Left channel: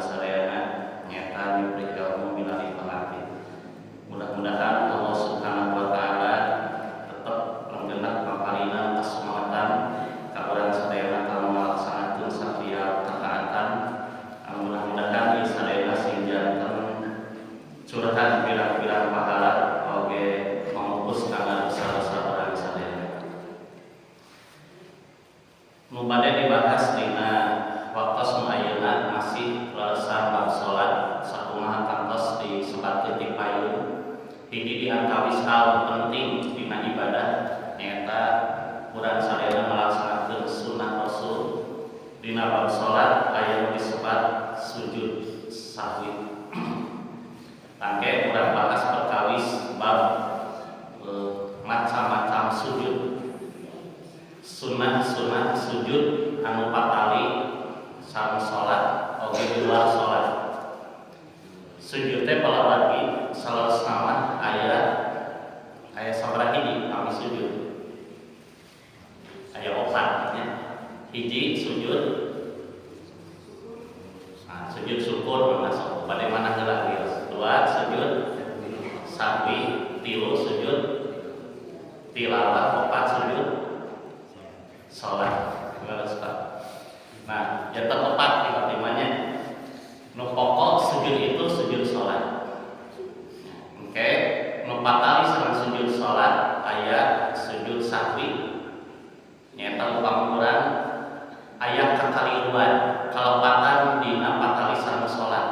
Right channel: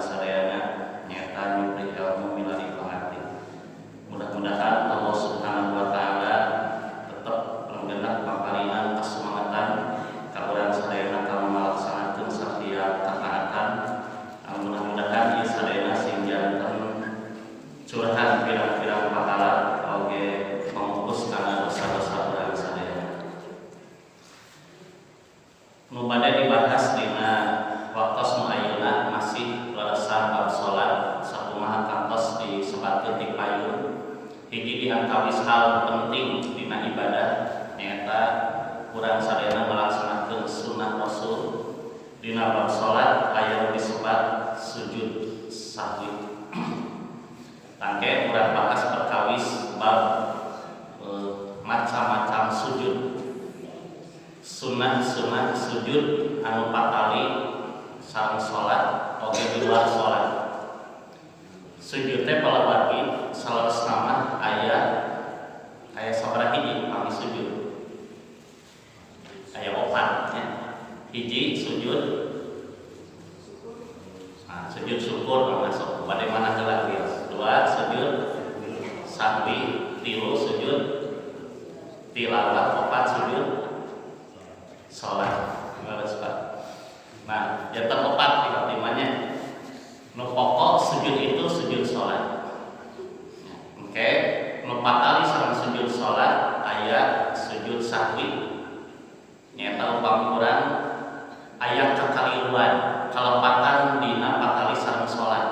sadayana nyata nyupri ilmu milari pengerti. Mudah-mudahan Allah Subhanahu wa taala tetap menggenap paparinan kesemangatan ka urang sadayana kana malaksanakeun satiap kataatan. Mudah-mudahan ieu sadayana sing janten curhat pirang-pirang pahala oge pamupus kana dosa-dosa urang sadayana. Nu bade dibahas dina waktos nu ayeuna masih lelesan bab salat sakumaha kantos disebatkeun ti payun. Hiji di antawis hal penting dina ibadah nyaeta urang sadayana melaksanakeun sunnah Rasul. Dina bab salat aya nu disebat sujud sahwi. Tangke urang bahas perkawis bab macam-macam sujud. Sunnah-sunnah sujud anu patali sareng salat oge di luar salat. Sujud teh palabagi saleureusna mah aya sabaraha hiji pami sujud. Aya 4 nya. Hiji sujud sujud syukur masuk bade mana heula wios. 2 sujud sahwi, 3 sujud tilawah, 4 sujud salat. Nah, yang terempat di timanya nu pokok sujud itu sujud salat. Oke, nu patali sareng sujud salat aya sujud sahwi. Nyaeta upami urang aya kakaliruan kalepatan dina patali sareng salat.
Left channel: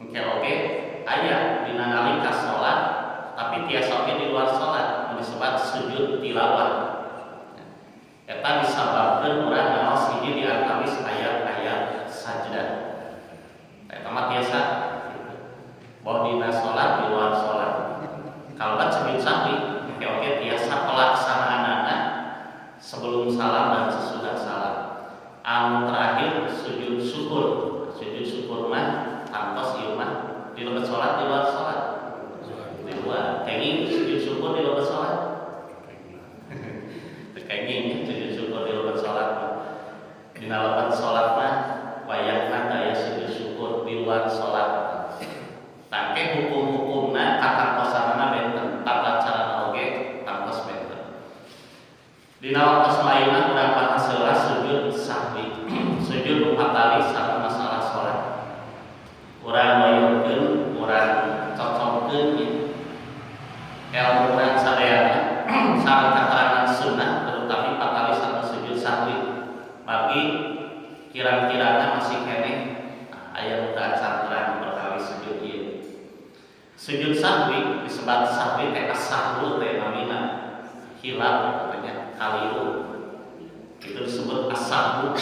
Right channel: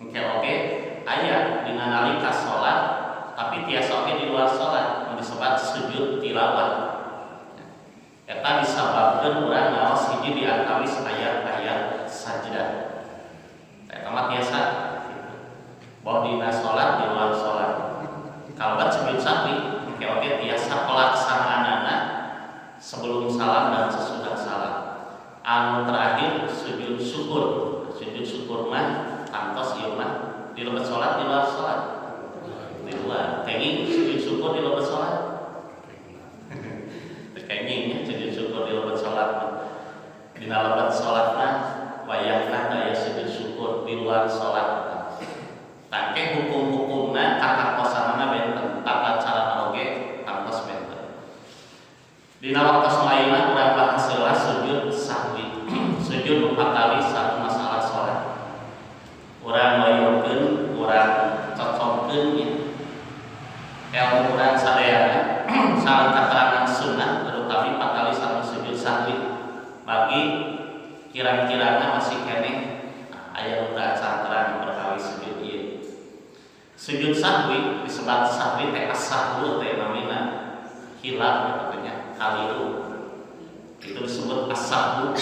Oke, aya dina nalika salat tapi tiasa oge di luar salat nu disebut sujud tilawah. Eta disababkeun urang naos hiji di antawis ayat-ayat sajdah. Eta mah tiasa bahwa dina salat di luar salat. Kalaban sujud sahwi, oke tiasa pelaksanaanana sebelum salam dan sesudah salam. Anu terakhir sujud syukur. Sujud syukur mah kantos ieu mah di lebat salat di luar salat. Di luar. Kenging sujud syukur di lebat salat. Kenging sujud syukur di lebat salat mah. Dina lebat salat mah wayahna aya sujud syukur di luar salat. Tangke hukum-hukumna kakantosanana benten, tata carana oge kantos benten. Dina waktos lainna urang bahas heula sujud sahwi. Sujud nu patali sareng masalah salat. Urang mayeukeun, urang cocokkeun nya. Ilmu urang sadayana sareng katerangan sunnah terutama patali sareng sujud sahwi. Bagi kirang-kirana masih keneh aya nu teu canterang perkawis sujud ieu. Sujud sahwi disebut sahwi teh as-sahwu teh namina hilaf katanya kaliru. Itu disebut as-sahwu.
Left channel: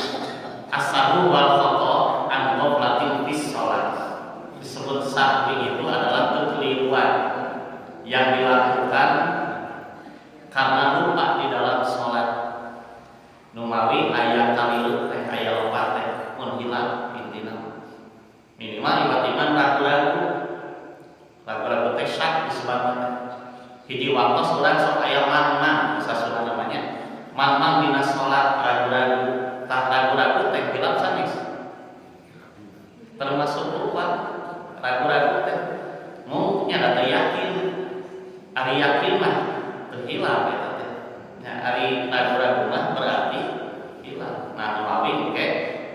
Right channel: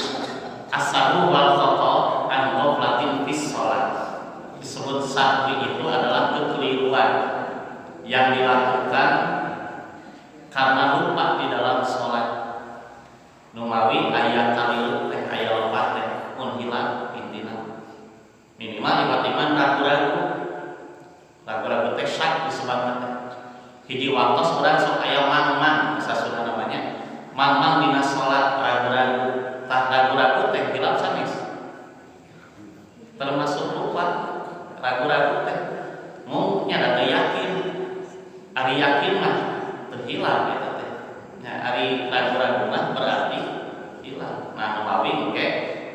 As-sahwu wal khata an ghaflatin fis shalah. Disebut sahwi itu adalah kekeliruan yang dilakukan karena lupa di dalam salat. Numawi aya kaliru teh aya lompat teh mun hilaf intina. Minimal iman ragu-ragu. Ragu-ragu teh syak disebutna teh. Hiji waktos urang sok aya mang-mang bisa sunah namanya. Mang-mang dina salat ragu-ragu. Tah ragu-ragu teh hilaf sanes. Termasuk lupa ragu-ragu teh. Mun nya teu yakin. Ari yakin mah teu hilaf eta teh. Nya ari ragu-ragu mah berarti hilaf. Nah, numawi engke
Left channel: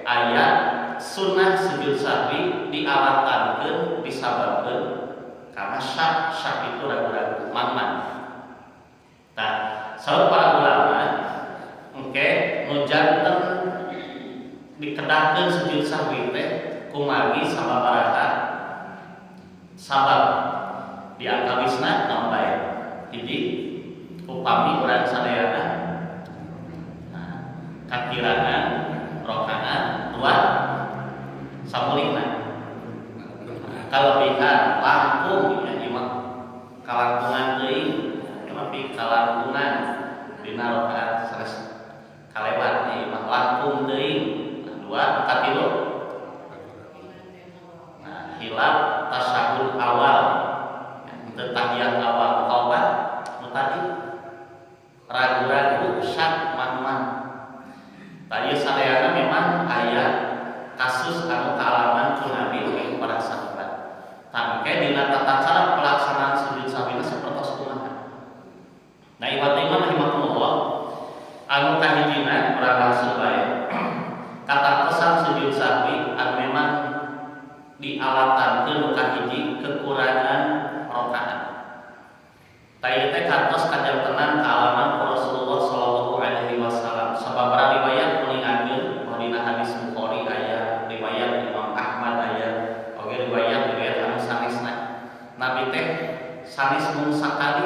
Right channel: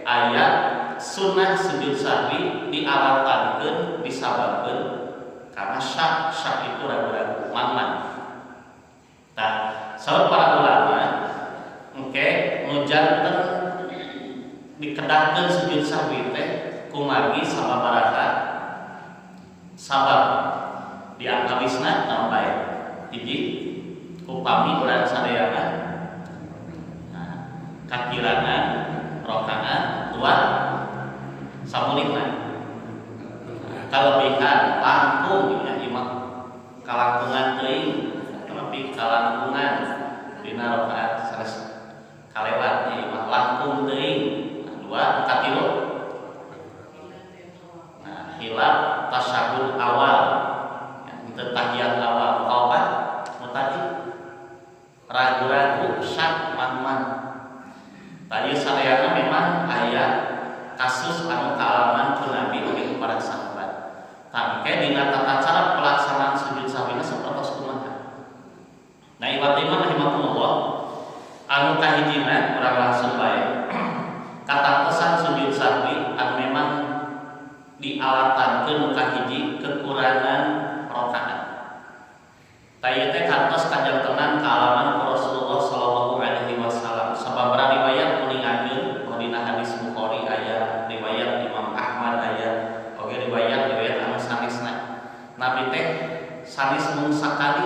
aya sunnah sujud sahwi dialatankeun disababkeun karena syak itu ragu-ragu mang-mang. Nah, saur para ulama engke nu janten dikedahkeun sujud sahwi teh kumagi sababaraha sabab di antawisna naon bae. Hiji upami urang sadayana kakirangan rokaat, 2 samulingna kalebihan langkung ya imam kalangkungan teuing tapi kalangkungan dina rakaat sanes kalewat ya imam langkung teuing. 2 katilu hilaf tasyahud awal ya teu tahiyat awal. 4 nu tadi ragu-ragu syak mang-mang. Tadi sadayana memang aya kasus anu kaalaman ku Nabi oge para sahabat. Tangke dina tata cara pelaksanaan sujud sahwina sapertos kumaha. Nah, iman rahimakumullah, anu kahijina urang langsung bae. Katantosan sujud sahwi anu memang dialatankeun nu kahiji kekurangan rakaat. Taya teh kantos kajantenan kaalaman Rasulullah sallallahu alaihi wasallam. Sababaraha riwayat kuningakeun dina hadis Bukhari aya, riwayat Imam Ahmad aya, oge riwayat anu sanesna. Nabi teh sanes mung sakali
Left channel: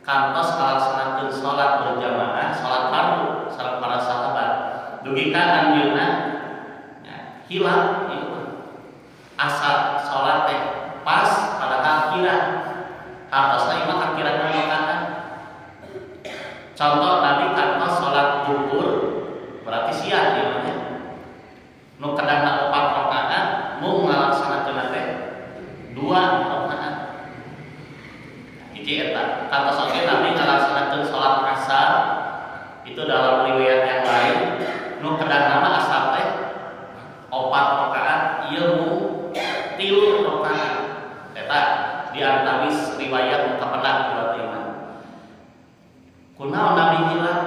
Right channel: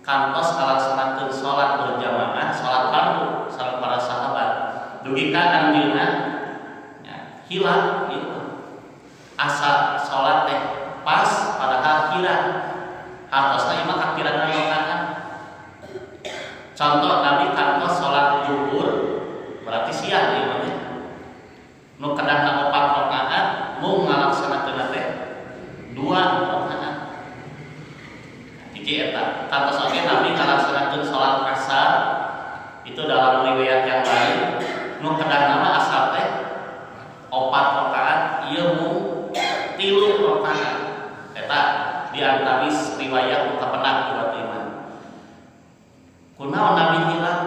kantos ngalaksanakeun salat berjamaah, salat fardu sareng para sahabat. Dugi ka anjeunna hilang ieu asa salat teh pas pada akhiran. Hartosna imah akhiran rakaat. Contoh Nabi kantos salat zuhur berarti siang ieu mah. Nu kadangna 4 rakaat mung ngalaksanakeun teh 2 rakaat. Hiji eta. Kantos oge Nabi ngalaksanakeun salat asar itu dalam riwayat yang lain nu kadangna mah asar teh 4 rakaat ieu mung 3 rakaat. Eta di antawis riwayat nu kapendak buat iman. Kunaon Nabi hilang?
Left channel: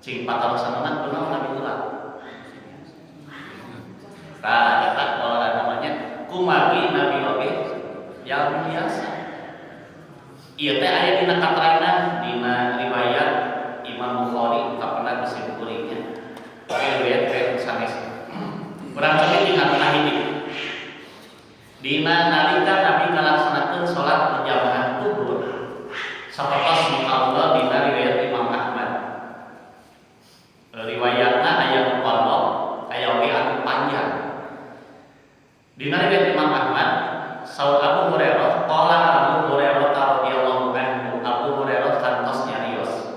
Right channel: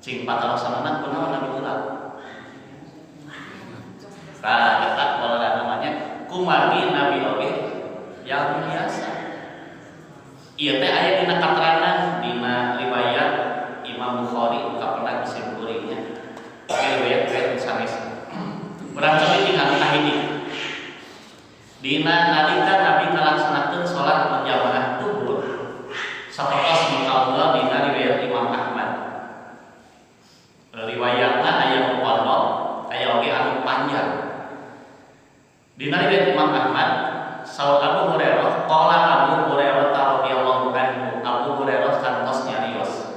Cing patalosanana kunaon Nabi hilang? Nah, eta pola namanya kumagi Nabi oge yang biasa. Ieu teh aya dina katerangan dina riwayat Imam Bukhari kapendak bisi kuringnya. Oke, riwayat sanes. Urang cabi anu kahiji. Dina nalika Nabi ngalaksanakeun salat berjamaah zuhur sapertos mukaula dina riwayat Imam Ahmad. Riwayatna aya nu pondok, aya oge anu panjang. Dina riwayat Imam Ahmad, saur Abu Hurairah, qala Abu Hurairah radhiyallahu anhu, Abu Hurairah kantos nyarios.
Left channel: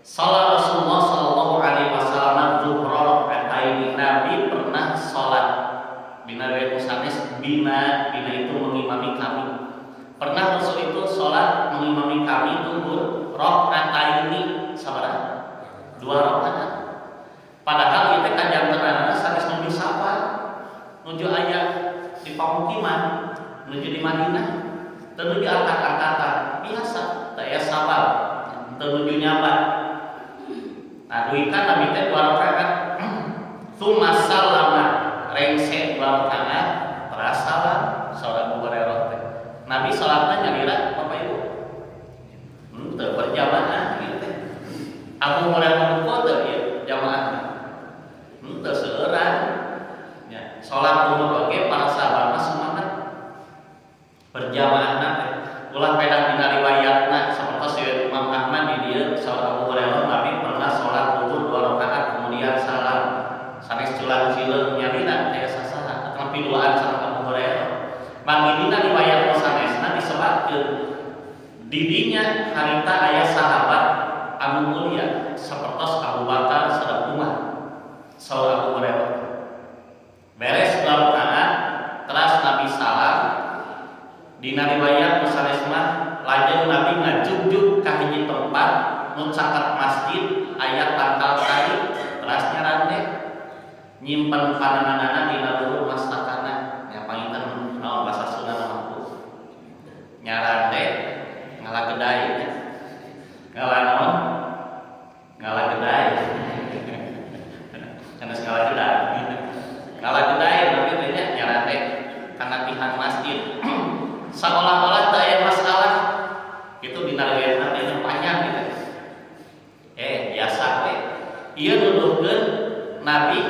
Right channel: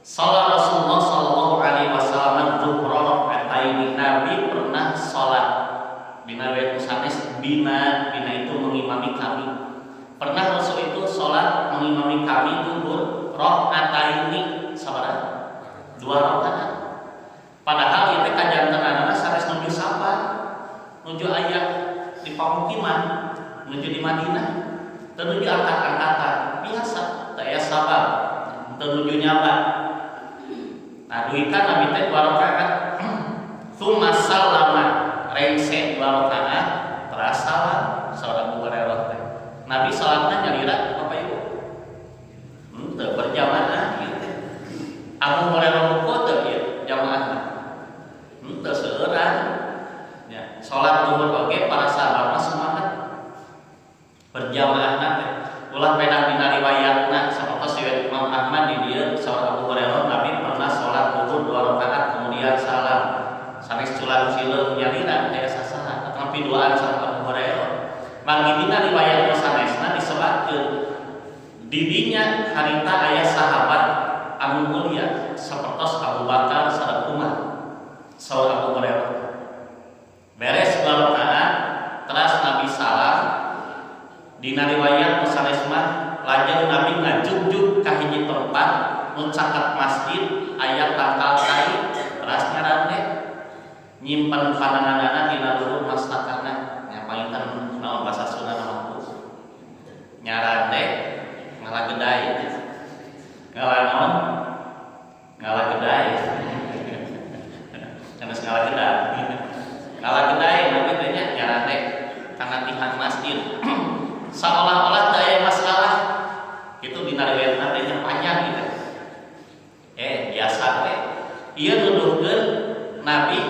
Salat Rasulullah sallallahu alaihi wasallam zuhra rakaatain. Nabi pernah salat bina riwayat sanes bina itu mengimami kami. Pernah Rasul itu salat mengimami kami zuhur rakaataini sabaraha? 2 rakaat. Padahal ieu teh kajantenanna sanes nuju sapa? Nuju aya di pamukiman, nuju di Madinah, teu nuju angkat-angkatan, biasa, teu aya sabab, teu nuju nyabat. Nah, duikan Nabi teh 2 rakaat. Tsumma sallama, rengse 2 rakaat, teras salam salat Abu Hurairah teh. Nabi salatna nyalira Bapak Ibu. Teu berjamaah ieu teh. Abu Hurairah ruku teu ieu jamaahna. Teu seueuran. Ya, salat zuhur oge para sahabat mah semangat berjamaahna teh. Ulah pedah dina riwayatna sapertos riwayat Imam Ahmad di dieu salat Abu Hurairah Nabi pernah salat zuhur 2 rakaat kemudian salam. Sanes culang sileung nyalira aya sasaha atawa piduaan sareng Abu Hurairah. Manggi dina riwayat sanesna disebatkeun di dinya harita aya sahabat anu mulia sapertos Abu Bakar sareng Umar. Saur Abu Hurairah beres 2 rakaat teras Nabi salam. Dina riwayat sanes mah lajeng Nabi ngajugjug ka hiji tempat nu caket masjid aya tangkal kai teras nyarande nyimpen pananganana dina luhur mastakana. Nya panginten naon basa Sunda mah nyarande ngalagedai. Ngalanon ngalagedai. Kana ngalagedai. Ngalagedai Nabi teh nya nyarande kana tihan masjid. Seolah-olah teu aya masalah. Itu dina riwayatna teh panjang gitu. Biasa we. Ieu nuduhkeun Nabi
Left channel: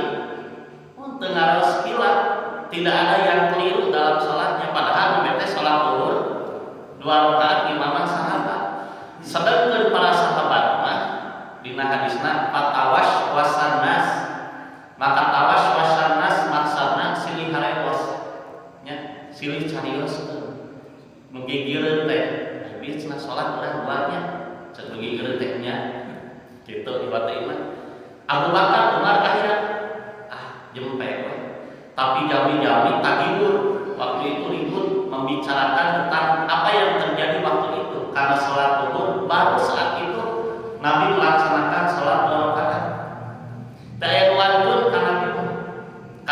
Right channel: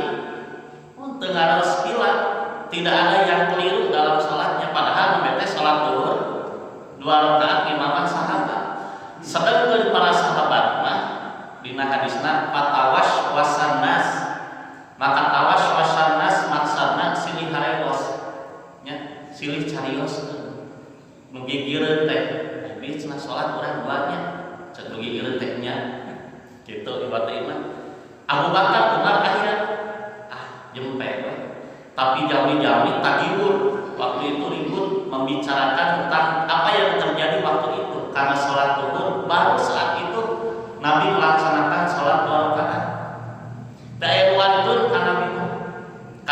teu ngaraos hilaf, tidak ada yang keliru dalam salatnya padahal nu teh salat zuhur 2 rakaat imaman sahabat. Sedengkeun para sahabat mah dina hadisna fatawash wasannas, maka tawash wasannas maksudna silih harewas nya silih carios nu gigireun teh aya cenah salat urang banyak ceuk nu gigireun teh nya kitu ibad iman. Abu Bakar Umar aya jempek we. Tapi jami-jami tagihur waktu itu ribut membicarakan tentang apa yang terjadi waktu itu karena sholat zuhur baru saat itu Nabi melaksanakan sholat 2 rakaat. Daya nuantun ka Nabi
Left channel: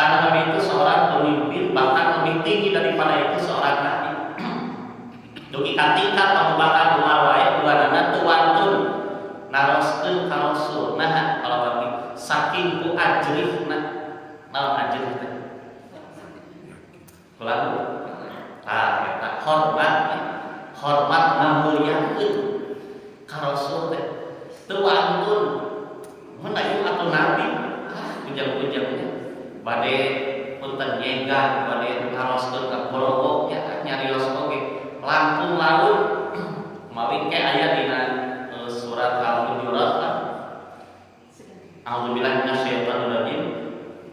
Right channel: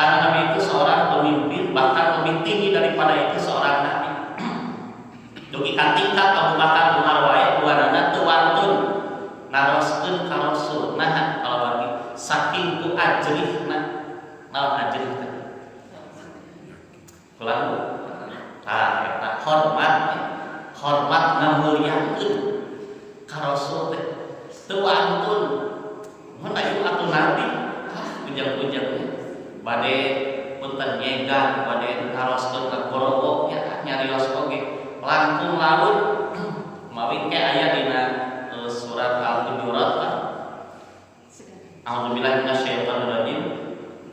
Karena Nabi itu seorang pemimpin, bahkan lebih tinggi daripada itu seorang Nabi. Dugi ka tingkat Abu Bakar Umar wae duanana teu wantun naroskeun ka Rasul. Nah, kalau bagi saking ku ajrihna, naon ajrih teh? Kulangu. Eta hormat ngamuliakeun ka Rasul teh. Teu wantun. Mun aya atuh Nabi, ujang-ujangnya bade punten nyegang, bade naroskeun ka gorowok nya nyarios oge. Langkung laut mawi ke aya dina surat Al-Hujurat lah. A'udzubillahi minasyaitonir rajim.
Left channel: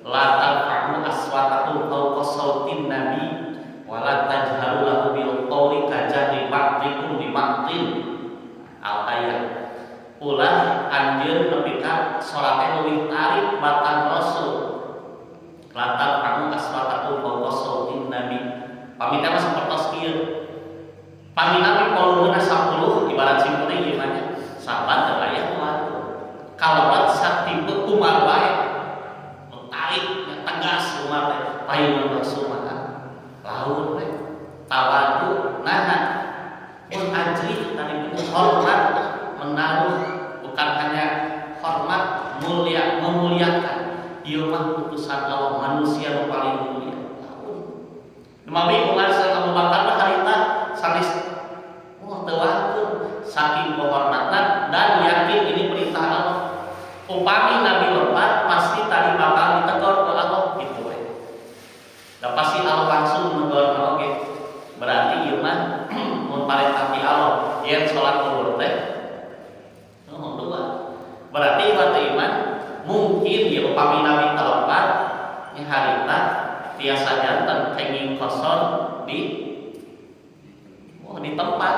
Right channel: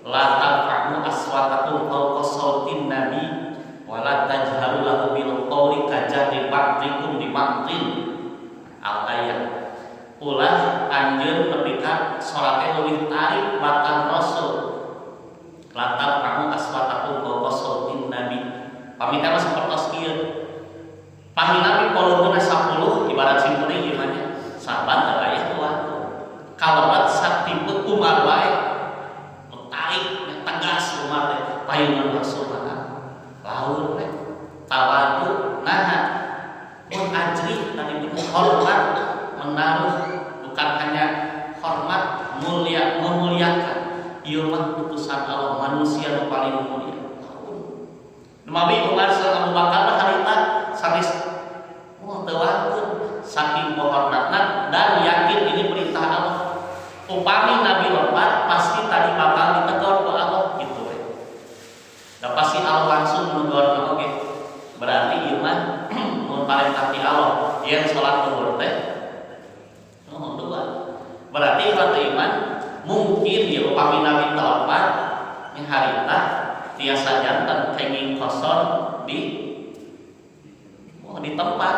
La tarfa'u aswatakum fawqa sautin nabi wa la tajharu lahu bil qawli kajahri ba'dikum li ba'din. Al-ayat. Ulah anjeun nepi ka salate leuwih tarik batang Rasul. La tarfa'u aswatakum fawqa sautin nabi. Pamita mah sapertos kieu. Pami Nabi poluneuna 10 ibarat simpulna ieu mah nya saban teu aya waktu. Kalabat satipe Umar wae tarik nya tegas Umar teh payungan Rasul mah laun teh tawadu nahan mun ajrih tadi itu hormat menaruh bukan hanya hormat mulia memuliakan ieu mah putusan Allah manusia nu paling mulia laun. Nabi Umar sareng Abu Bakar mah harita sanis tewantun saking kehormatan dan yakin ini perintah Allah. Upami Nabi lepat pasti tadi bakal ditegur ke Allah gitu we. Da pasti Allah langsung menegurna oge. Berarti ieu mah mun parentah ti Allah yen salat zuhur teh dua. Berarti iman mungkin ya upami Nabi telepat nya harita tiasa janten kenging kosor di tempat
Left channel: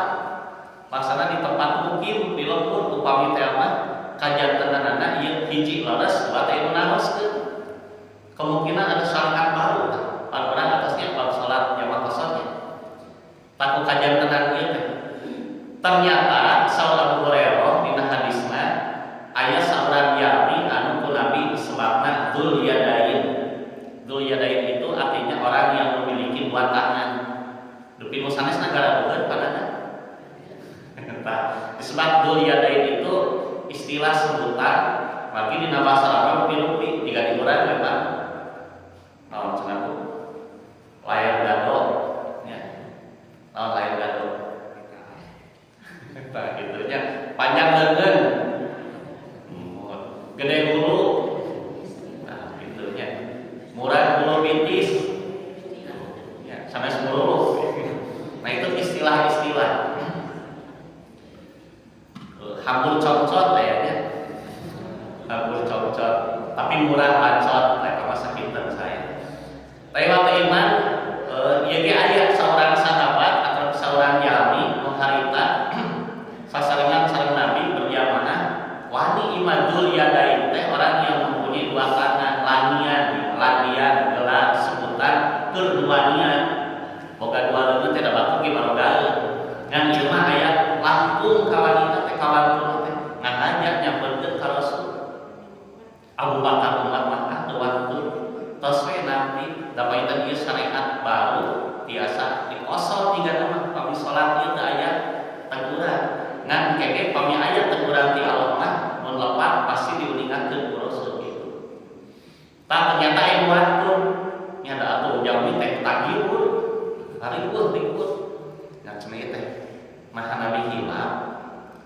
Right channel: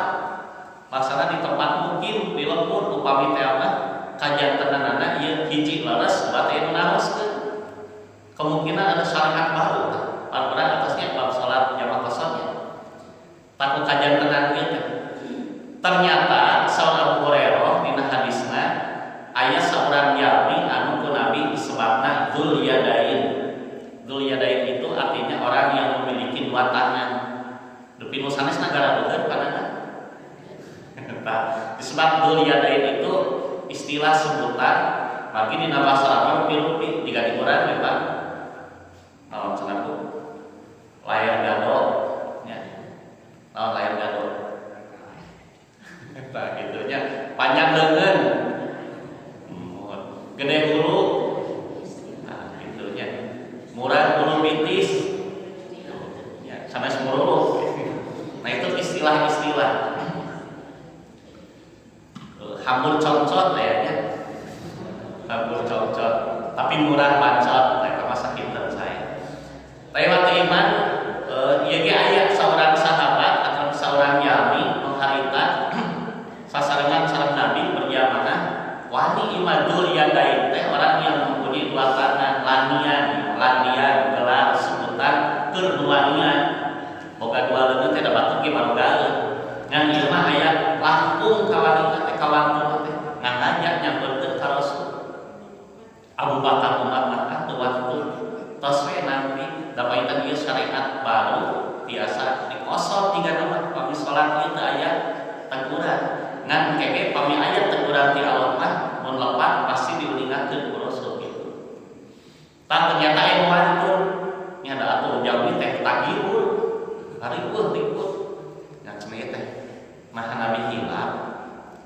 maksana di tempat mukim di lembur upami teh mah kajantenanana ieu hiji leres bate nu naroskeun kemungkinan ada syariat baru pan urang atasnya bab salat jamaah qasarnya taku kajantenan ieu teh ternyata saur Abu Hurairah dina hadisna aya saurang Yahudi anu ku Nabi disebutna Dzul Yadain. Dzul Yadain itu artinya orang yang memiliki dua tangan. Dupi nu sanes nagara bukan panana. Disebut Dzul Yadain itu istilah sebutan bagi dina basa Arab rupi-rupi jika diurang ya Pak. Naon cenah Bu? Layar gado nya. Naon layar gado? Tah gitunya panjang leungeun. Gede hulu. Nah, gitunya. Murah hulu bintis. Ya, sanes muruluh. Nah itu istilah-istilah hambur congcot kayaknya hambur congcot tapi murah bancot nah itu masa kinten saya tapi waktu iman ieu ge aya seorang sahabat atau seorang yami mengharita sasarengan sareng Nabi berjamaah wani imadul yadain teh orang yang mempunyai dua tangan lanian gelar sebutan keduanian boga dua leungeun teh da batur ge barogaeun ngan ieu mah aya langkung ka wanita teh kawantun teh ngajak nyampeurkeun ka Rasul. Abu Bakar Umar mah teu wantun tos we Nabi da painten ieu syariat baru tiasa dikosor tiga nama pami salat ieu teu aya teguran ngan kenge pami aya teguran ti Allah mah mun lepat pasti diuningakeun ku Rasul gitu. Tah ternyata aya wantun nya da atuh jalmi teh tagihur ribut yang cenah teh maha Nabi hilap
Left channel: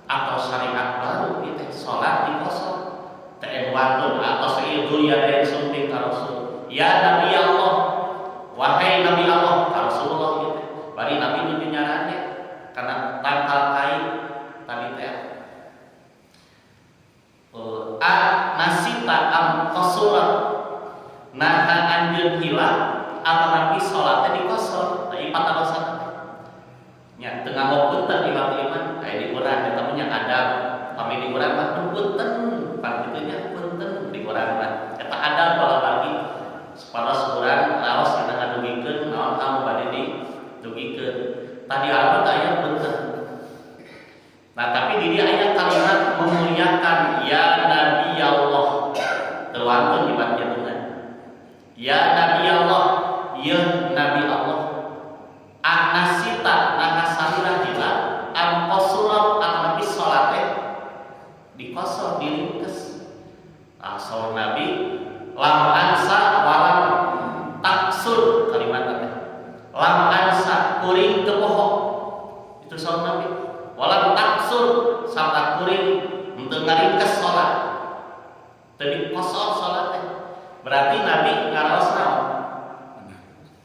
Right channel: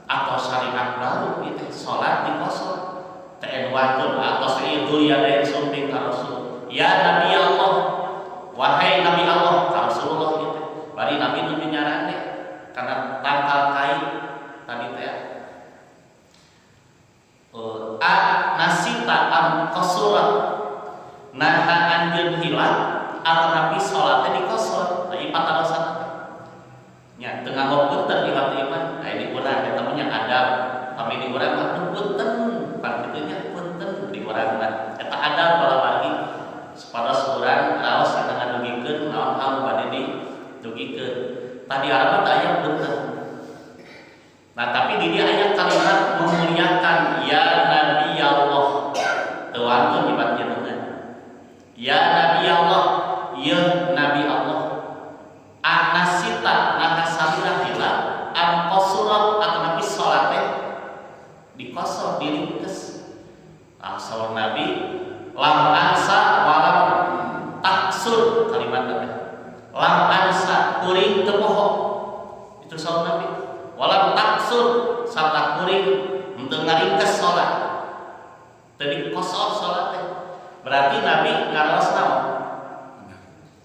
atau syariat baru ieu teh salat dikosor teh wantun atau sayyidul yadain sumping ka Rasul ya Nabi Allah wahai Nabi Allah ka Rasulullah ieu teh bari Nabi nu nyarane kana tangkal kai tadi teh nasita am qasurat naha anjeun hilap atau Nabi salatnya dikosor tapi patarosan nya teu nganggo punten iwat iman aya di urang eta mah nya adab pami di urang mah punten pan kitu nya punten di urang mah eta adab bala bagi sapados urang raos kita ngadugikeun naon hal bade didugikeun tadi Arab teh aya punten. Nah tapi di dia aya kalimat memuliakan ya Nabi Allah teu wantun nyebat jenengan Ya Nabi Allah, ya Nabi Allah, anasita naha salira hilang am qasurat atanapi salate dikosor diringkes. Saur Nabi lam ansa walam taksur kalimat teh. Lam ansa kuring teu poho. Itu saur Nabi. Walam taksur sarta kuring henteu ngaringkes salat. Teu dikosor salat teh. Berarti Nabi ngaraos naon?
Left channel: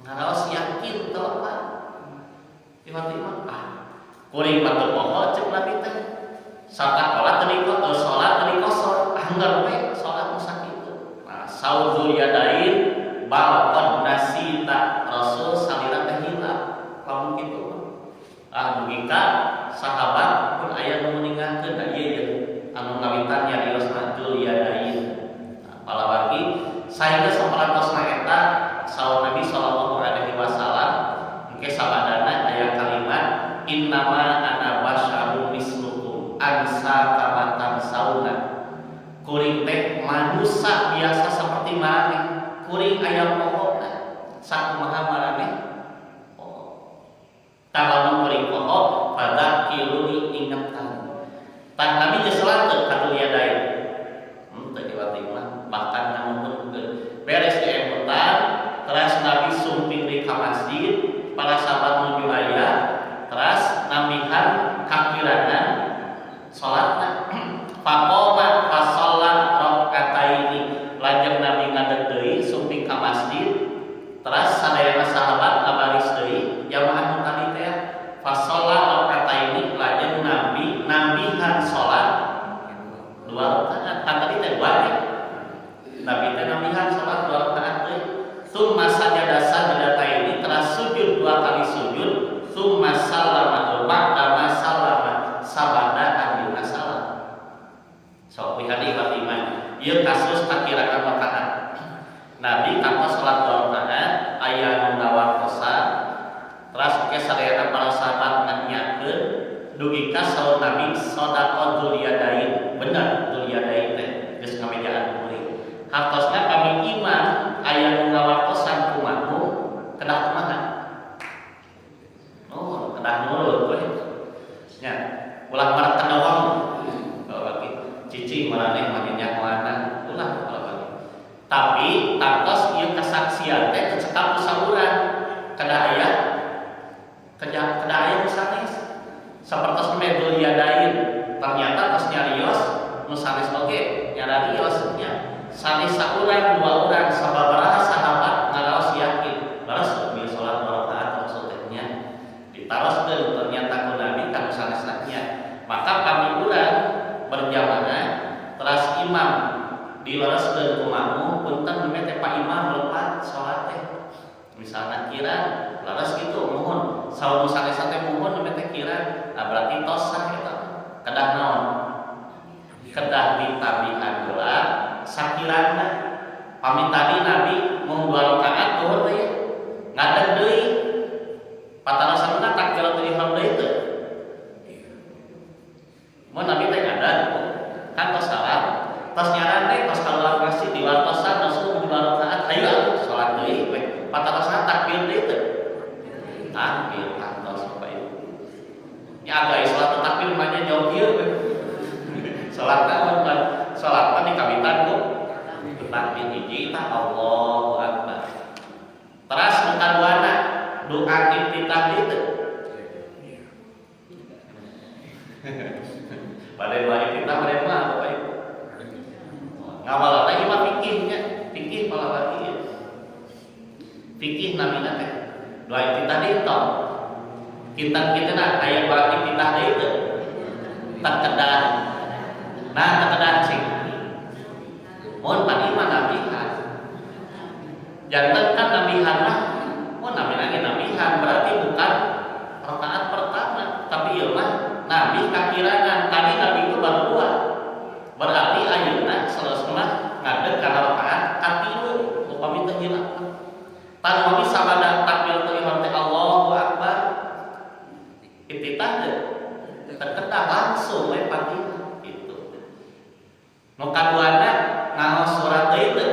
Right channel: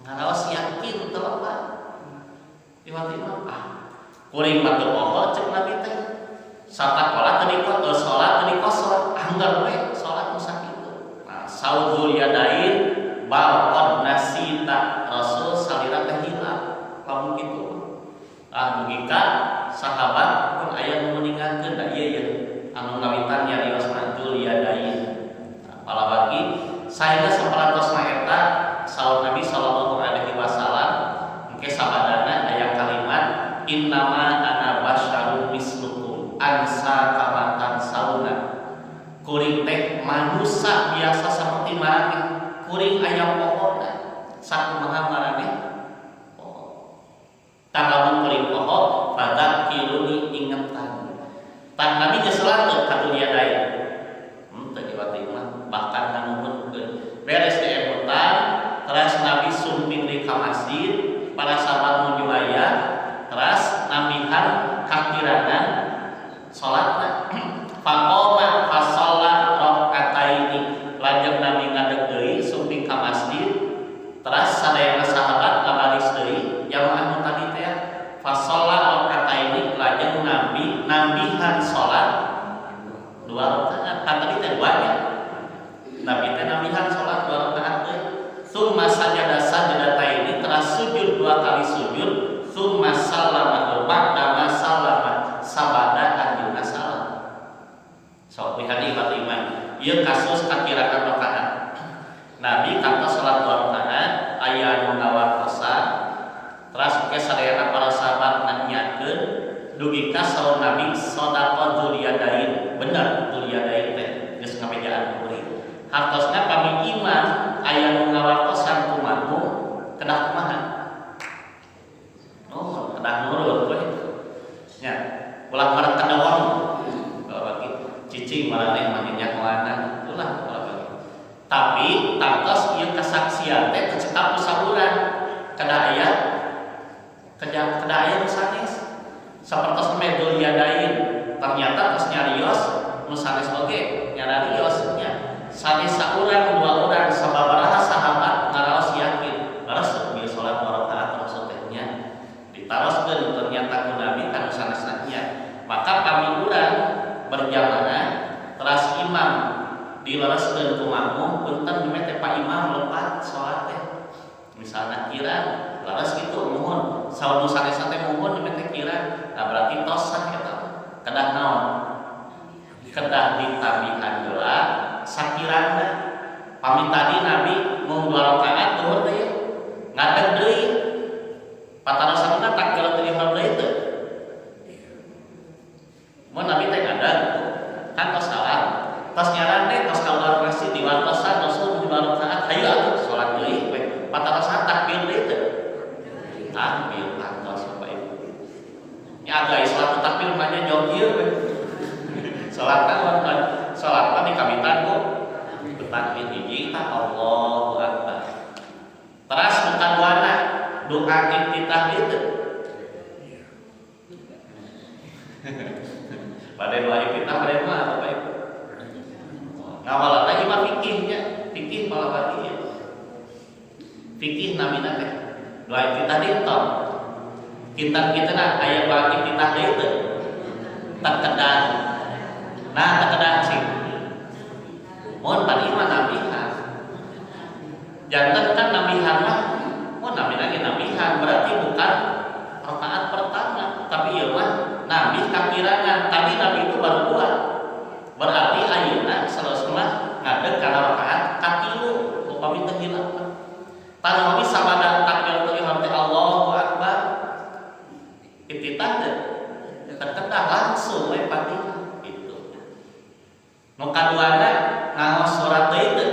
Ngaraos yakin teu apa? Tiba-tiba kuring mah teu poho ceuk Nabi teh. Sarta qolat teu dikosor, salat teu dikosor. Anggar we salat nu sakitu. Nah, sauzul yadain bal qad nasita Rasul salira teh hilang. Lamun kitu dugika sahabat pun aya nu meninggalkeun da ieu ye anu ngawitan nyariosna dzul yadain. Palawaki saehingga saparantos eta saur Nabi sallallahu alaihi wasallam engke sabadana aya kalimat innama ana basyarun mislukum ansa kamatan sauna. Kuring teh manusia biasa seperti maraneh. Kuring aya pohonna sakumaha maraneh poho. Tah kuring poho fadzakiruni ingetan. Tah Nabi geus salat teu katul yadain. Teu diwati mah bahkan nganuhunkeun beres diemutan terus Nabi sumping di ka masjid para sahabat nuju aya terus namihan kakirangan salatna faqoma fasalla rakaataini lajeng Nabi ngadeg deui sumping ka masjid terus sadayana sahabat ngabaris deui jamaah nu tadi teh fasalla rakaataini lajeng Nabi nambihan salat 2 rakaat kan tadi teh 2 ya. Nabi teh nambihan salat 2 rakaat deui. Tsumma sajada sajadataini teras sujud 2 kali sujud, tsumma sallama ba'da ma sallama sabada anjeunna salam. Sok pihani iman. Ieu kasus kakirangan rakaat. Nabi kantos salat 2 rakaat aya nu ngawartosan. Teras ke sadayana para sahabat nanyakeun dugika saur Nabi sodaqah dzuliyadain. Bener dzuliyadain teh geus ngamejaan kuring. Hartosna kami imam aya nu ngawartosan kumaha kedah kumaha. Oh, kedah nurut we. Nya, ulah marang kadawang. Kalau bagi cicing maraneh mah nyakoana, ulah bagi. Tapi tantos ieu kasaksian teh tecekap sahuran kedah aya nu sanes. Sapertos medul yadain ternyata tos nyarios nu sanes oge nyarios nya. Sanes saurang 2 urang sababaraha sahabat ngaraos yakin baras bieu salat 2 rakaat maksud teh nya ditaroskeun ternyata ku Nabi kan sanesna nya maka kami urang berjamaah teras imam dilereskeun ku makmum punten meme teh Pak Imam lepat salat teh misalna kirang laras kitu muhun saur nu sanes teh muhun meme teh kirang berarti tos sah eta kedah naon kedah ditabihan heula sakirana pamit tadi Nabi mau 2 rakaat tuhur teh ya ngadeg deui patarasanna takbiratul ihram deui teh mun Nabi teh ngadeg kan tos salam tos nyaran teh tos kaluar masjid diwartosan Rasul 2 rakaat hayu atuh salat deui we patarasanna takbir deui teh takbir kantos Bapak Ibu nya agak salat takbir mah nya jauh ieu we salat kan salat kan dikawitan ku takbir hiji tah Allahu Akbar. Teras nu kaduana doa iftitah itu. Pada doa iftitah pada mah Bapak Ibu. Ngawalana ieu mah fikihnya, fikih palawari ieu. Fikih namina teh doa iftitah dieu. Kita aya doa iftitah deui teh. Takedan. Nah, takedan sih. Mohon pan iman nabihan. Jantan kan nabihan mah, mohon nabi lagi nabihan berarti bukan rakaat pertama, tapi ya mah nabi kakirangan. Tadi nabi itu baru 2. Berarti ayeuna selesai ngadeg kana rakaat katilu upami teu hilang. Tanu nabi sabada takbiratul ihram teh Allahu Akbar. Iftitah teh terkedah langsung we Fatihah. Nu kaduana ngaos surat deui teh.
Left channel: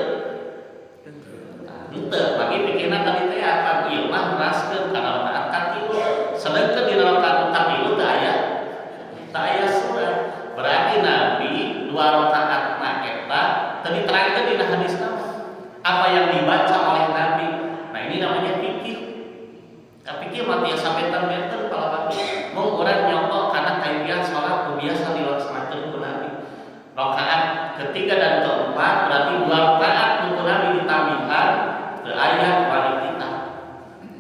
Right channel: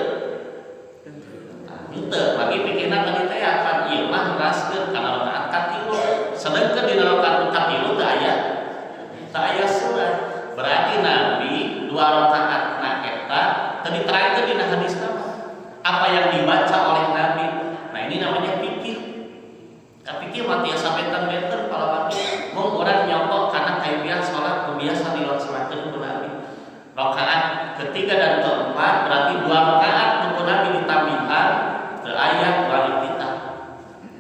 Henteu, lagi pikirna tadi teh akan ieu mah neraskeun kana rakaat katilu. Sedengkeun dina rakaat katilu teu aya surat. Berarti Nabi 2 rakaatna eta teu diterangkeun dina hadis nama. Apa yang dibaca oleh Nabi. Nah, ini namanya fikih. Fikih mah tiasa benten-benten palawan. Mung urang nyongkok kana kaifiat salat nu biasa dilaksanakeun ku Nabi. Rakaat ketiga dan keempat berarti 2 rakaat nu Nabi ditambihan teu aya kualitas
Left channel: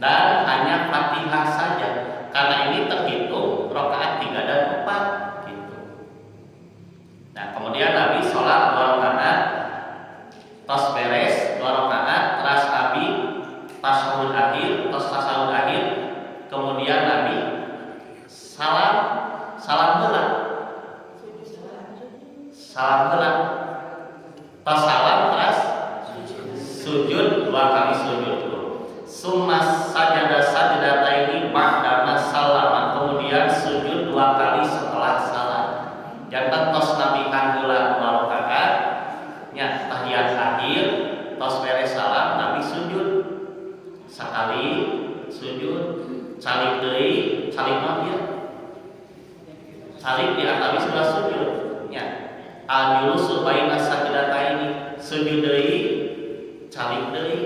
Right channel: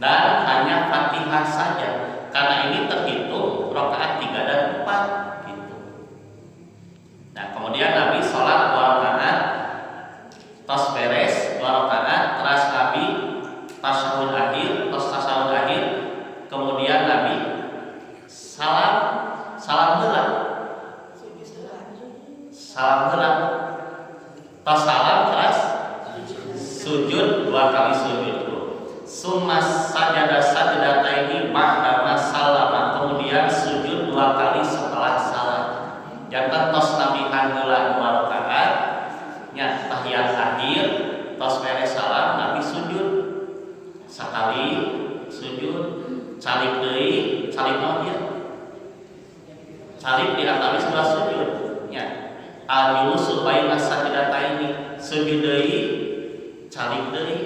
dan hanya Fatihah saja. Karena ini terhitung rakaat 3 dan 4 gitu. Nah, kemudian Nabi salat 2 rakaat tos beres 2 rakaat teras Nabi tasyahud akhir, kemudian Nabi salam heula. Tos salam teras sujud 2 kali sujud dulu. Summa sajada sajdataini ba'da salama, kemudian sujud 2 kali setelah salam. Jantan tos Nabi heula 2 rakaat nya tahiyat akhir, tos beres salam Nabi sujud sakali sujud, calik deui, calik naon ieu? Calik di antawis 2 sujud nya. Al-julusu baina sajdataini, sujud deui, calik deui.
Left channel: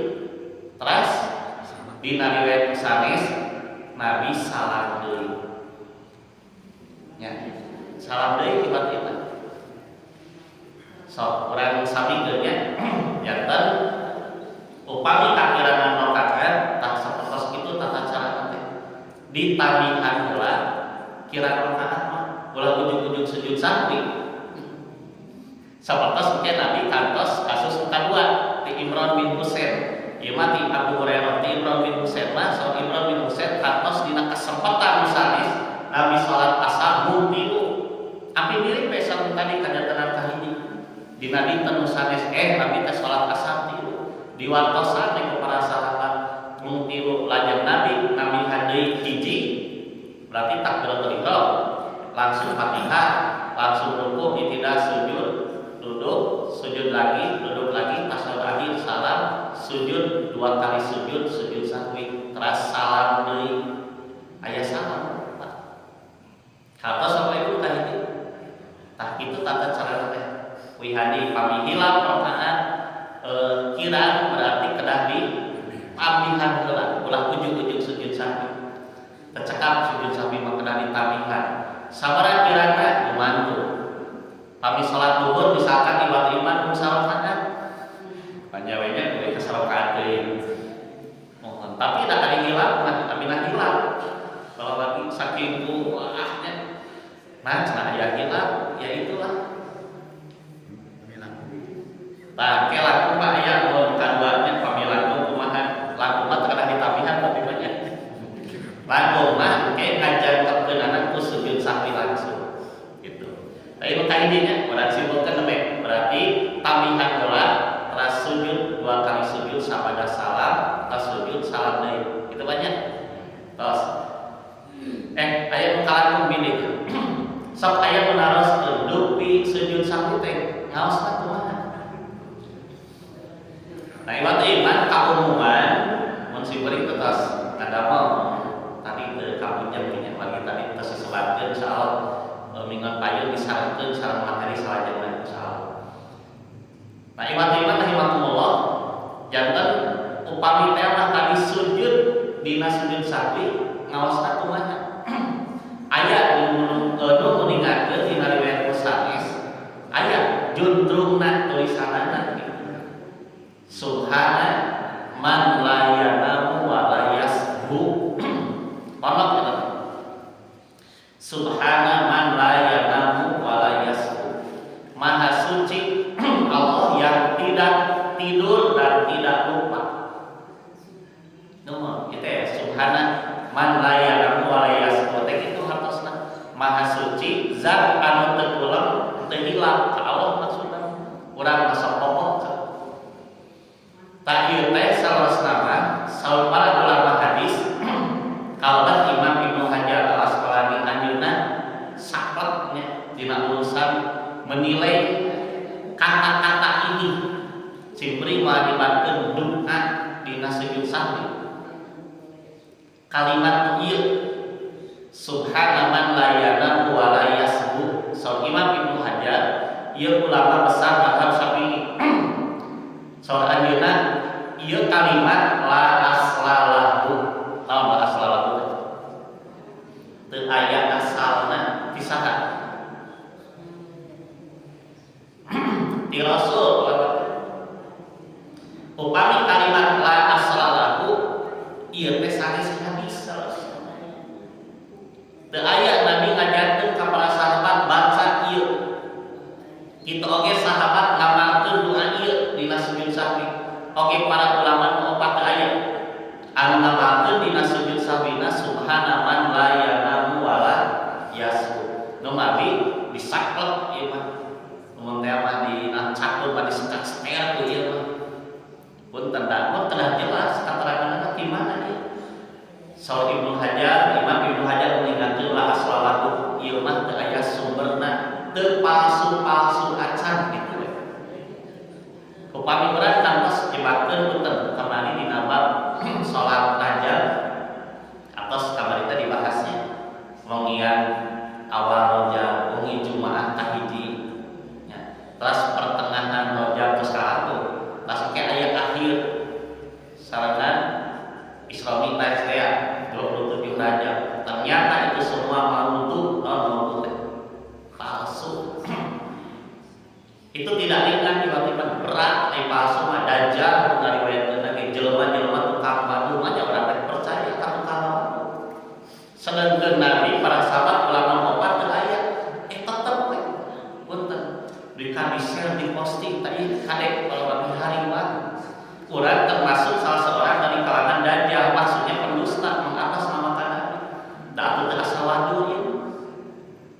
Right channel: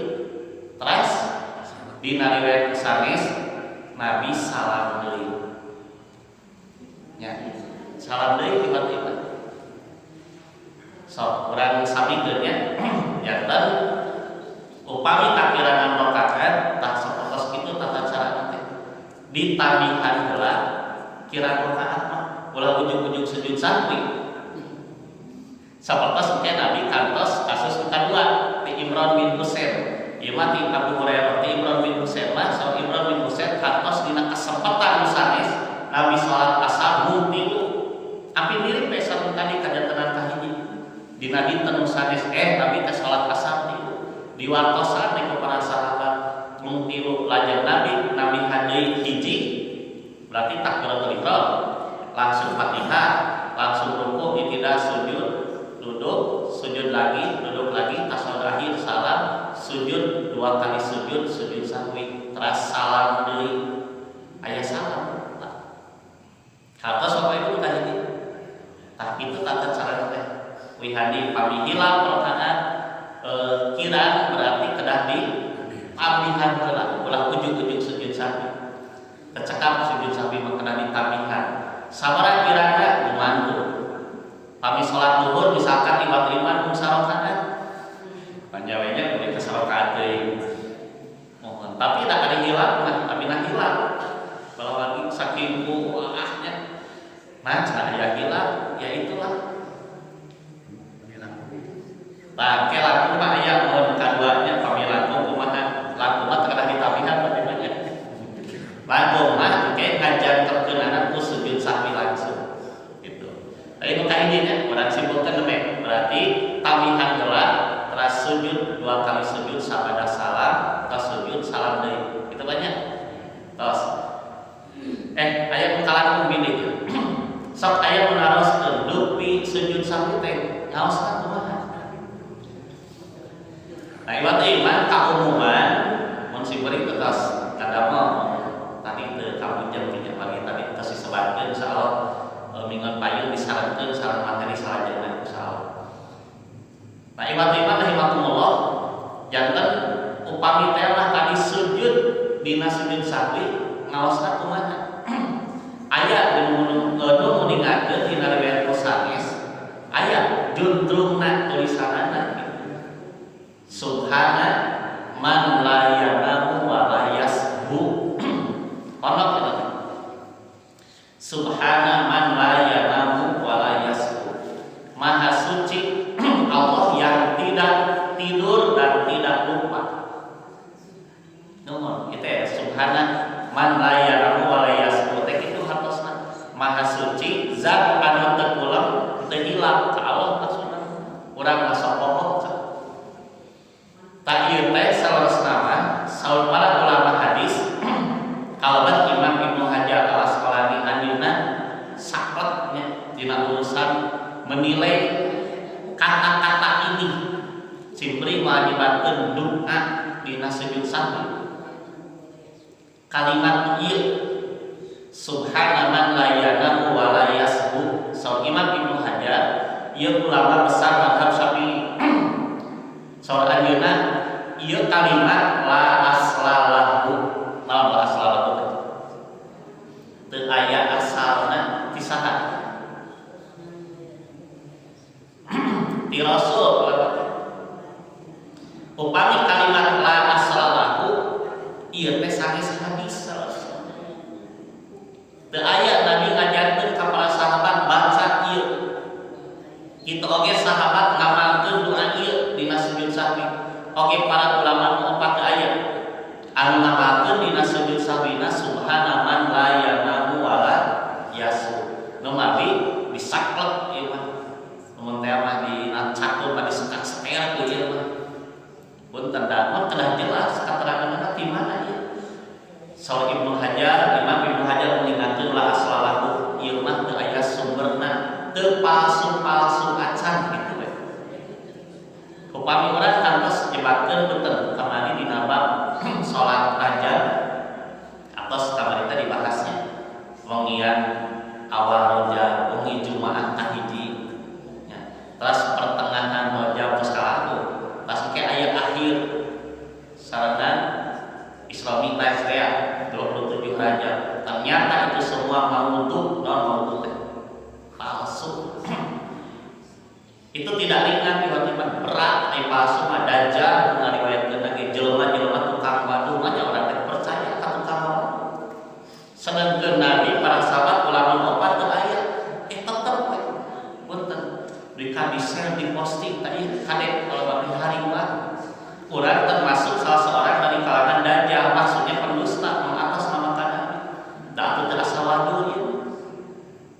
Teras dina riwayat sanes Nabi salam deui. Nya, salam deui tiba-tiba. So, urang samikeun nya janten upami kakirangan rakaat tah sapertos kitu tata cara teh ditamihan heula kirang rakaat mah ulah ujug-ujug sujud sahwi. Sapertos engke Nabi kantos kasus kadua ti Imran bin Husain. Ieu mah ti Abu Hurairah ti Imran bin Husain mah so Imran bin Husain kantos dina kesempatan sanes Nabi salat asar mung tilu. Api mirip bae sareng tadi kajantenan kahiji. Dina dinten sanes Nabi teh salat asar tilu. Diwartosan ku para sahabat mung tilu lajeng Nabi hadeui hiji berarti takbiratul ihram langsung Fatihah langsung ruku tidak sujud duduk sujud lagi duduk lagi tasyahud akhir salam sujud 2 kali sujud sahwi teras salam deui aya salam hartos apa ibu tah ini tah kitu tata cara teh wihadi pami hilang rakaat kiraan berarti kedah di tambihan heula ulah ujug-ujug sujud sahwi tercekap sujud sahwi mah kedah ditambihan sabaraha kirana gumantu pami salat zuhur misalkan iman mung sarakaat panjawenya kudu ka sarakaat deui mohon tapi da ari hilang amina hilang balawan saking kuahnya nah cenah aya hilang ya itulah. Nah, ke laku mah aya mohon kaduanya pamilaku kumaha. Laku mah teu kadah ditambihan tapi banyak. Laku mah ke ngajankeunana ku sujud sahwi langsung. Gitu. Tapi nu kahijinya urang simpulkeun demek. Berarti tambihan heula teras sujud 2 kali sujud sabada salam, teras sujud salam deui. Itu banyak. Tos. Aya nu kalangkung bilih. Sok aya nu naroskeun dupi sujud sahwi teh ngaosna kumaha? Nah, iman kaumuman mun simkuring tetes kadamel tadi teu kabujang nya lagi tadi tos disebatkeun insyaallah minggu payeun disarankeun sareng materi salajengna insyaallah. Nah, iman rahimakumullah janten upami teh mah tadi sujud dina sujud sahwi ngaosna kumaha? Aya nu nuningakeun dina riwayat sanes aya juntrungna tulisanana Subhana man la yanamu wa la yasbu. Onok ya teh. Subhana man la yanamu wa la yasbu. Maha suci Allah yang tidak tidur dan tidak lupa. Nuhun kitu ya subhana man la yanamu wa la yasbu. Teh kitu hartosna. Maha suci zat anu teu kulem teu hilang ka Allah maksudna. Urang masok pokok tak ieu teh salesna mah saur para ulama hadis kalaban Imam Ibnu Hajar Al-Asqalani anjeunna sakleknya dina urusan menilai kata-kata ini simpri mewajibankeun doa sahwi. Kalimat ieu subhana man la yanamu wa la yasbu. Saur Imam Ibnu Hajar ieu ulama besar mazhab Syafi'i. Saur ayeuna ieu kalimat la aslalahu. Naon la aslalahu teh? Teu aya asalna ti saha? Ti Rasul. Upami kalimat la aslalahu ieu teh sanes hadis Rasul. Teu aya Nabi ngajarkeun ka para sahabat baca ieu. Kitu oge sahabat ngamalkeun doa ieu dina sujud sahwi. Oge para ulama nu opat teu aya anu ngamalkeun dina sujud sahwina subhana man la yanamu wa la yasu. Nu mawi disaklek ieu mah. Mun teh mah di cakur mah disekat-seker ku ieu mah. Punten dapat telah jelas keteranganna di mana ieu. Saur Ibnu Hajar, Imam Ibnu Hajar mengingatkeun la aslalahu ieu mah teu aya sumberna, teu palsu-palsu acan kitu we. Upami urang kantos nyebatkeun punten kamari dina bab salat rajab atos kamari teh dibahasnya wengian awal rajab, wengi Jumaah kahiji nya. Terus pertengahan rajab terus kalaku. Pas ke ayat akhir sarangan Isra Mi'raj 27 Rajab. Ternyata itu semua maudhu, non maudhu palsu. Itu tidak ringan tiba-tiba berat, palsu mah dajjal ngariwayatkeun lagi jelema-jelema tukang badu mah orang teh percaya ka tukang badu. Sedangkan Nabi para sahabat ulama opat teu aya tetep we. Punten di share di posting tadi kadek kalau bagi hariwan kurang termasuk salah seorang dari kalangan dajjal, maksudnya pendusta mengatasnamakan Nabi. Da teu asa wadu ieu.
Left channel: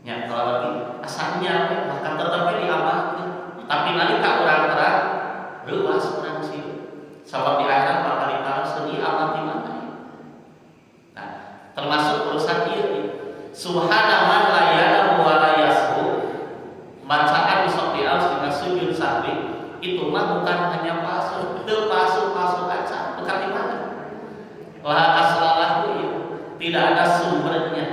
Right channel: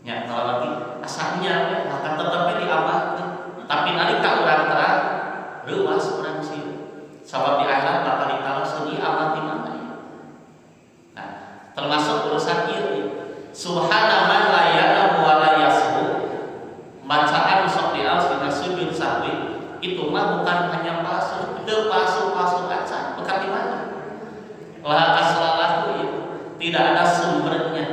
Nya kalau bagi asalnya maka tetep diamalkeun. Tapi nalika urang terang reuas urang sieun. Sabab di akhirat bakal ditaraseun ieu amal di mana ieu. Nah, termasuk urusan ieu. Subhana man la yanamu wa la yasbu. Bacaan sok diaus dengan sujud sahwi itu mah bukan hanya palsu, itu palsu acan. Bukan di mana? La aslalahu ya. Tidak ada sumbernya.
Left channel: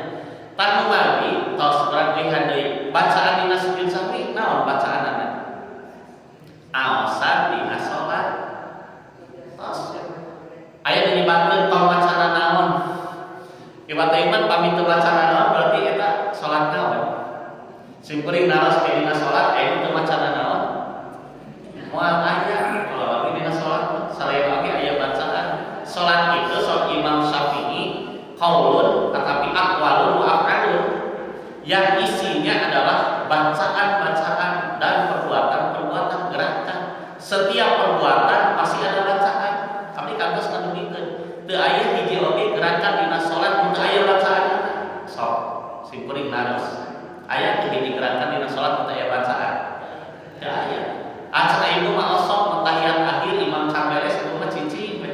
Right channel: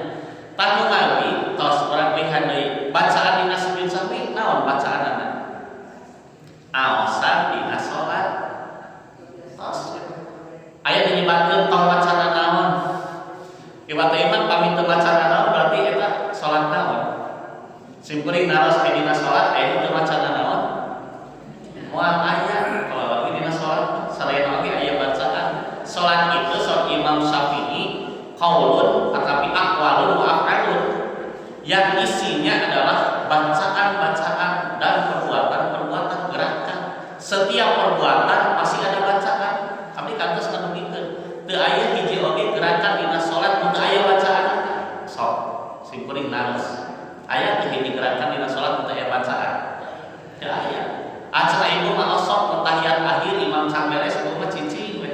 Tanu mawi tos urang lihat deui bacaan dina sujud sahwi naon bacaanana? Aosan dina salat. Tos aya dinyebutkeun tong bacana naon? Ieu teh iman pami teu bacana naon berarti eta salat naon? Simkuring naros dina salat aya teu bacana naon? Moal aya kalau bagi dina salat selain oge aya bacaan. Salat itu saur Imam Syafi'i qaulun tetapi aqwalun wa af'alun. Yang isinya adalah bacaan-bacaan dan perbuatan-perbuatan gerakan. Setiap perbuatan pasti ada bacaan. Abdi kantos kadugikeun. Teu aya hiji oge gerakan dina salat mun teu aya bacaanna. Sok simkuring naros. Aya hiji gerakan dina salat mun teu aya bacaan. Teu aya. Acara ibu mah osok tahiyat akhir imam can beres ibu mah cicing we.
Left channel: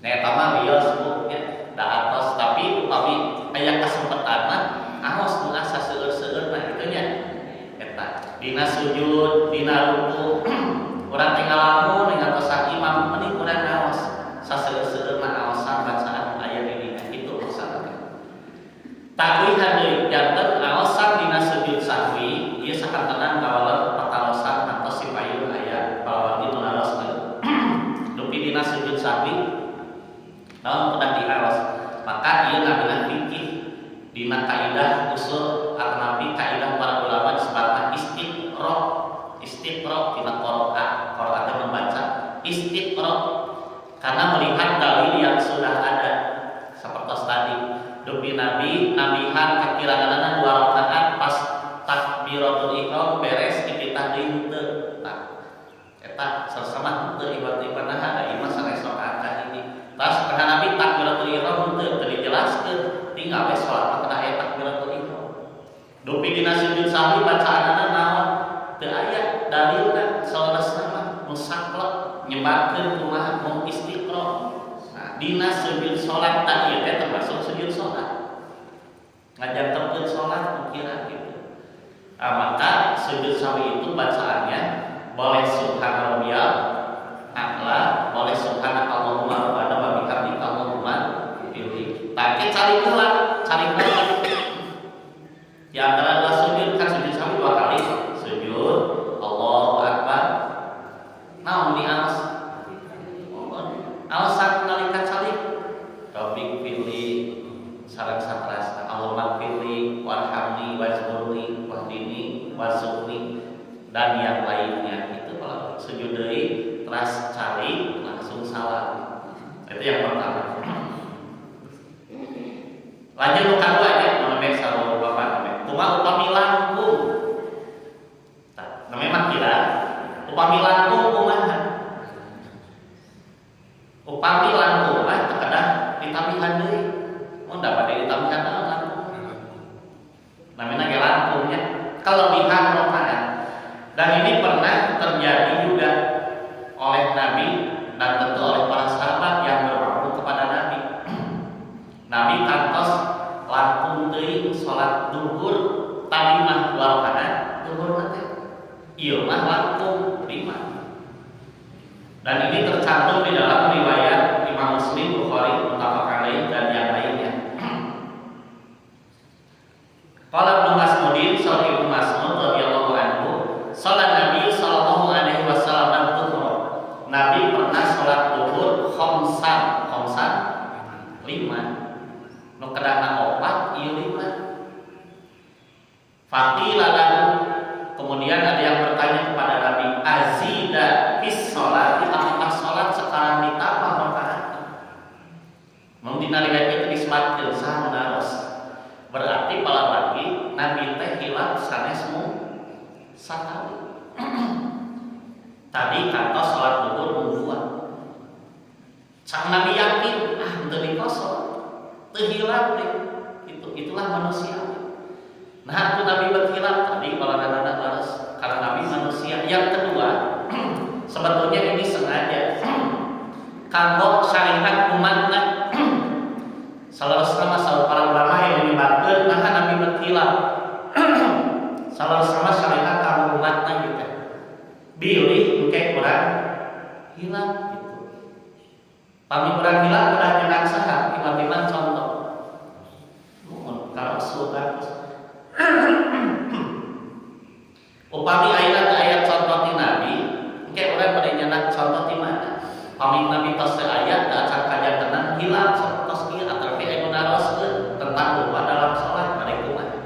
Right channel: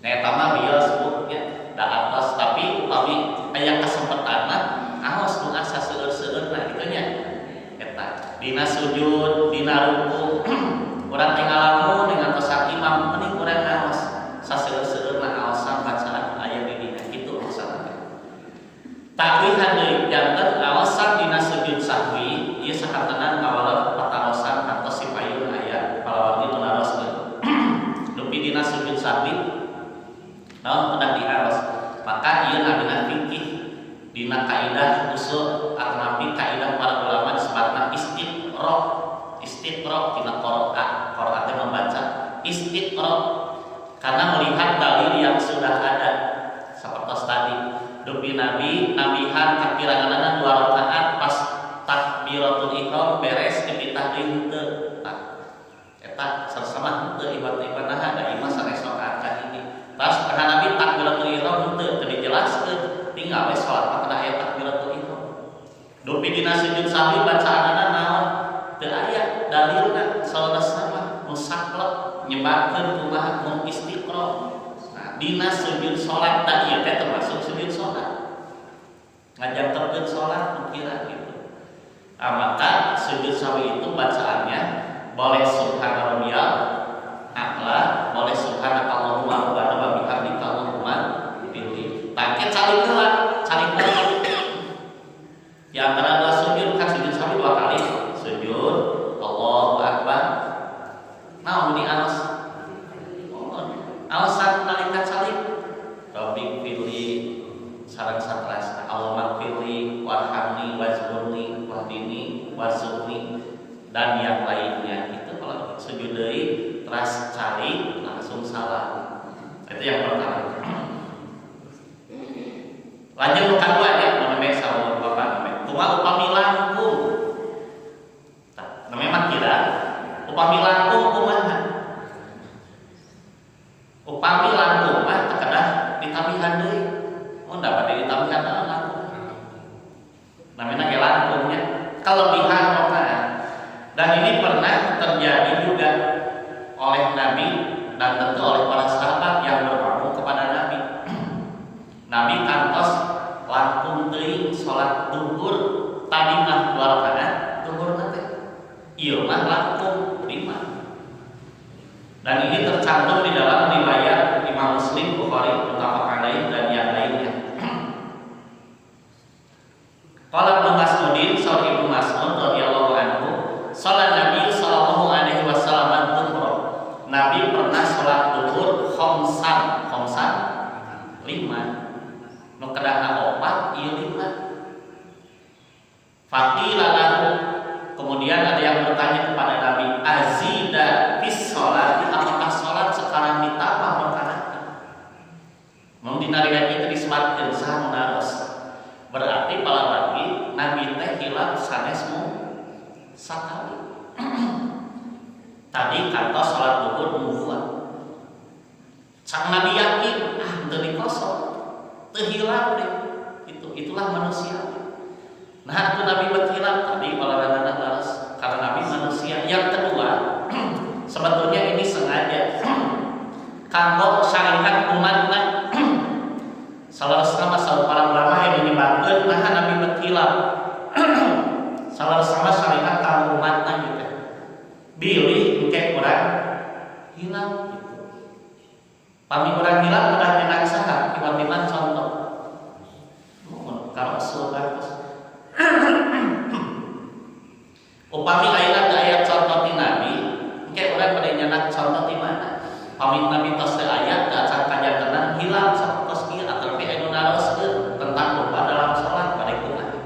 Nah eta mah wios bu nya da atos tapi upami aya kasempatan mah aos nu asa seueur-seueurna kitu nya. Eta dina sujud, dina ruku urang teh ngalamun ngantosan imam mending urang ngaos saseueur-seueurna aosan bacaan aya di dinya kitu maksudna teh. Takwihan deui janten aosan dina sujud sahwi ieu sakantenan kawala patarosan kantos sipayun aya palawan itu naroskeun. Dupi dina sujud sahwi naon kedah diaos maka ieu nabina fikih dina kaidah usul atanapi kaidah para ulama disebutna istiqra tina qiraat teh membaca istiqra karena melihat dalil yang sudah ada sapertos tadi. Dupi Nabi nabihan kakiranganana 2 rakaat pas takbiratul ihram beres dipitah deui henteu. Tah eta sarsama henteu ibat-ibanaha da imah sanes rakaat kahiji. Tas kana Nabi takbiratul ihram henteu teu dijelaskeun, tinggal we salat mah kana aya takbiratul ihram. Dupi dina sujud sahwi bacaanana naon? Teu aya dalilna salasna mah musaklek nyebatkeun kumaha mun istiqra. Dina sujud sholat tak iya teh termasuk sujud sholat ngajanterkeun sholat pikiran gitu. Maka sujud sahwi itu bacaannya boleh subhana rabbiyal a'la boleh subhanakallahumma rabbana wa bihamdika Allahumma pilih. Tangke calik heula di antara dua sujud kan sujud sami dua kali. Sujud Allahu akbar. Naon di alas? Alasan nalika calik Rabbi pilih sareng satrasna Allahumma pilih warhamni wajburni wahdini warzuqni dan yang lainnya. Itu kalau sujud deui teras calik langsung salam. Itu yang pertama. Lanjut nu kadua nya namanya saur Bapak namanya. Kumaha upami langkung. Tah, namanya mah kira upami langkung kumaha? Upami langkung mah teu kedah ditamihan deui. Mun dapat ditamihan naon langkung. Namanya ge langkungnya kelebihan rakaat. Dan ini pernah terjadi juga oleh Nabi dan tentu oleh para sahabat yang bermakmum kepada Nabi. Nabi kantos langkung teuing salat duhur tadi mah 2 rakaat duhur teh. Ieu mah langkung 5. Dan ini tercantum di dalam riwayat Imam Muslim, Bukhari, muttafaq alaih dan yang lainnya. Qala Ibnu Mas'udin, saur Ibnu Mas'ud radhiyallahu anhu, salat Nabi sallallahu alaihi wasallam duhur. Nabi pernah salat duhur khamsan 5. Nu kedahna 4 ieu 5. Faqila lahu, kemudian ada yang bertanya kepada Nabi, azida fis sholati, apakah salat sekarang ditambah rakaatna? Mun dina riwayat itu disebutkeun saha naros. Berarti palawagi Nabi teh hilaf sanes sakali. Tadi kantos salat duhur mung 2. Sang Nabi yakin teu dikosong, teu hilaf deh. Itulah manusia. Nah, itu Nabi berkhilaf tadi balaranana laras karena Nabi manusia. Yang kedua, sebetulnya ini sengaja kanggo syariat umatna. Salarosna masalah para ulama yang menyebutkan nah Nabi berkhilaf. Salarosna syariat kanggo umatna gitu. Bilih engke urang hilaf gitu. Pami urang hilaf udah nyenak saha tiba-tiba contoh. Mun karo surat upami ayeuna teu aya contoh ti Nabi, engke urang bade nyenak contoh ti mana? Pami Nabi tos teu aya teu acan kajantenan hilaf sapertos ieu atrapi anu naroskeun tentang lupa dalam salat bade kumaha.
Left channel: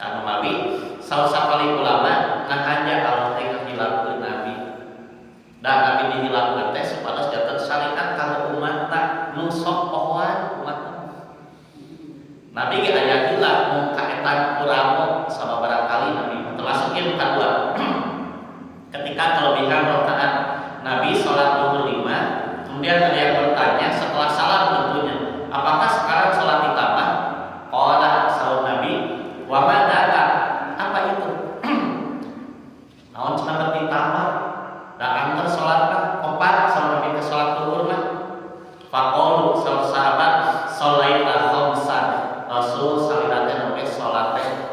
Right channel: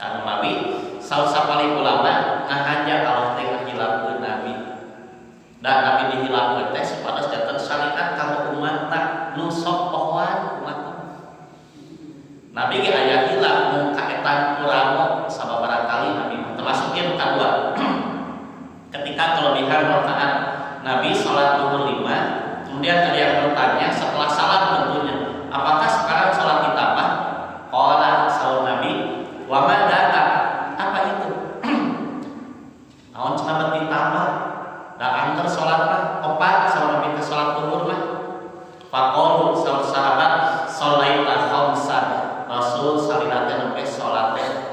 Anu mawi saur sapali ulama ngahanja Allah teh ngahilafkeun Nabi. Dan Nabi dihilafkeun teh supados janten syariat kanggo umatna nu sok pohoan umatna. Nabi ge aya hilaf mung kaetan kuramo sababaraha kali Nabi termasuk yang kedua. Ketika kelebihan rakaat Nabi salat duhur 5, kemudian ada yang bertanya setelah salat tentunya, apakah sekarang salat ditambah? Qala saur Nabi, wa ma dzaka? Apa itu? Naon cenah ditambah? Da antar salat mah 4 saur Nabi ke salat duhur mah. Faqalu saur sahabat sholaita khamsan. Rasul salirate nembe salat 5.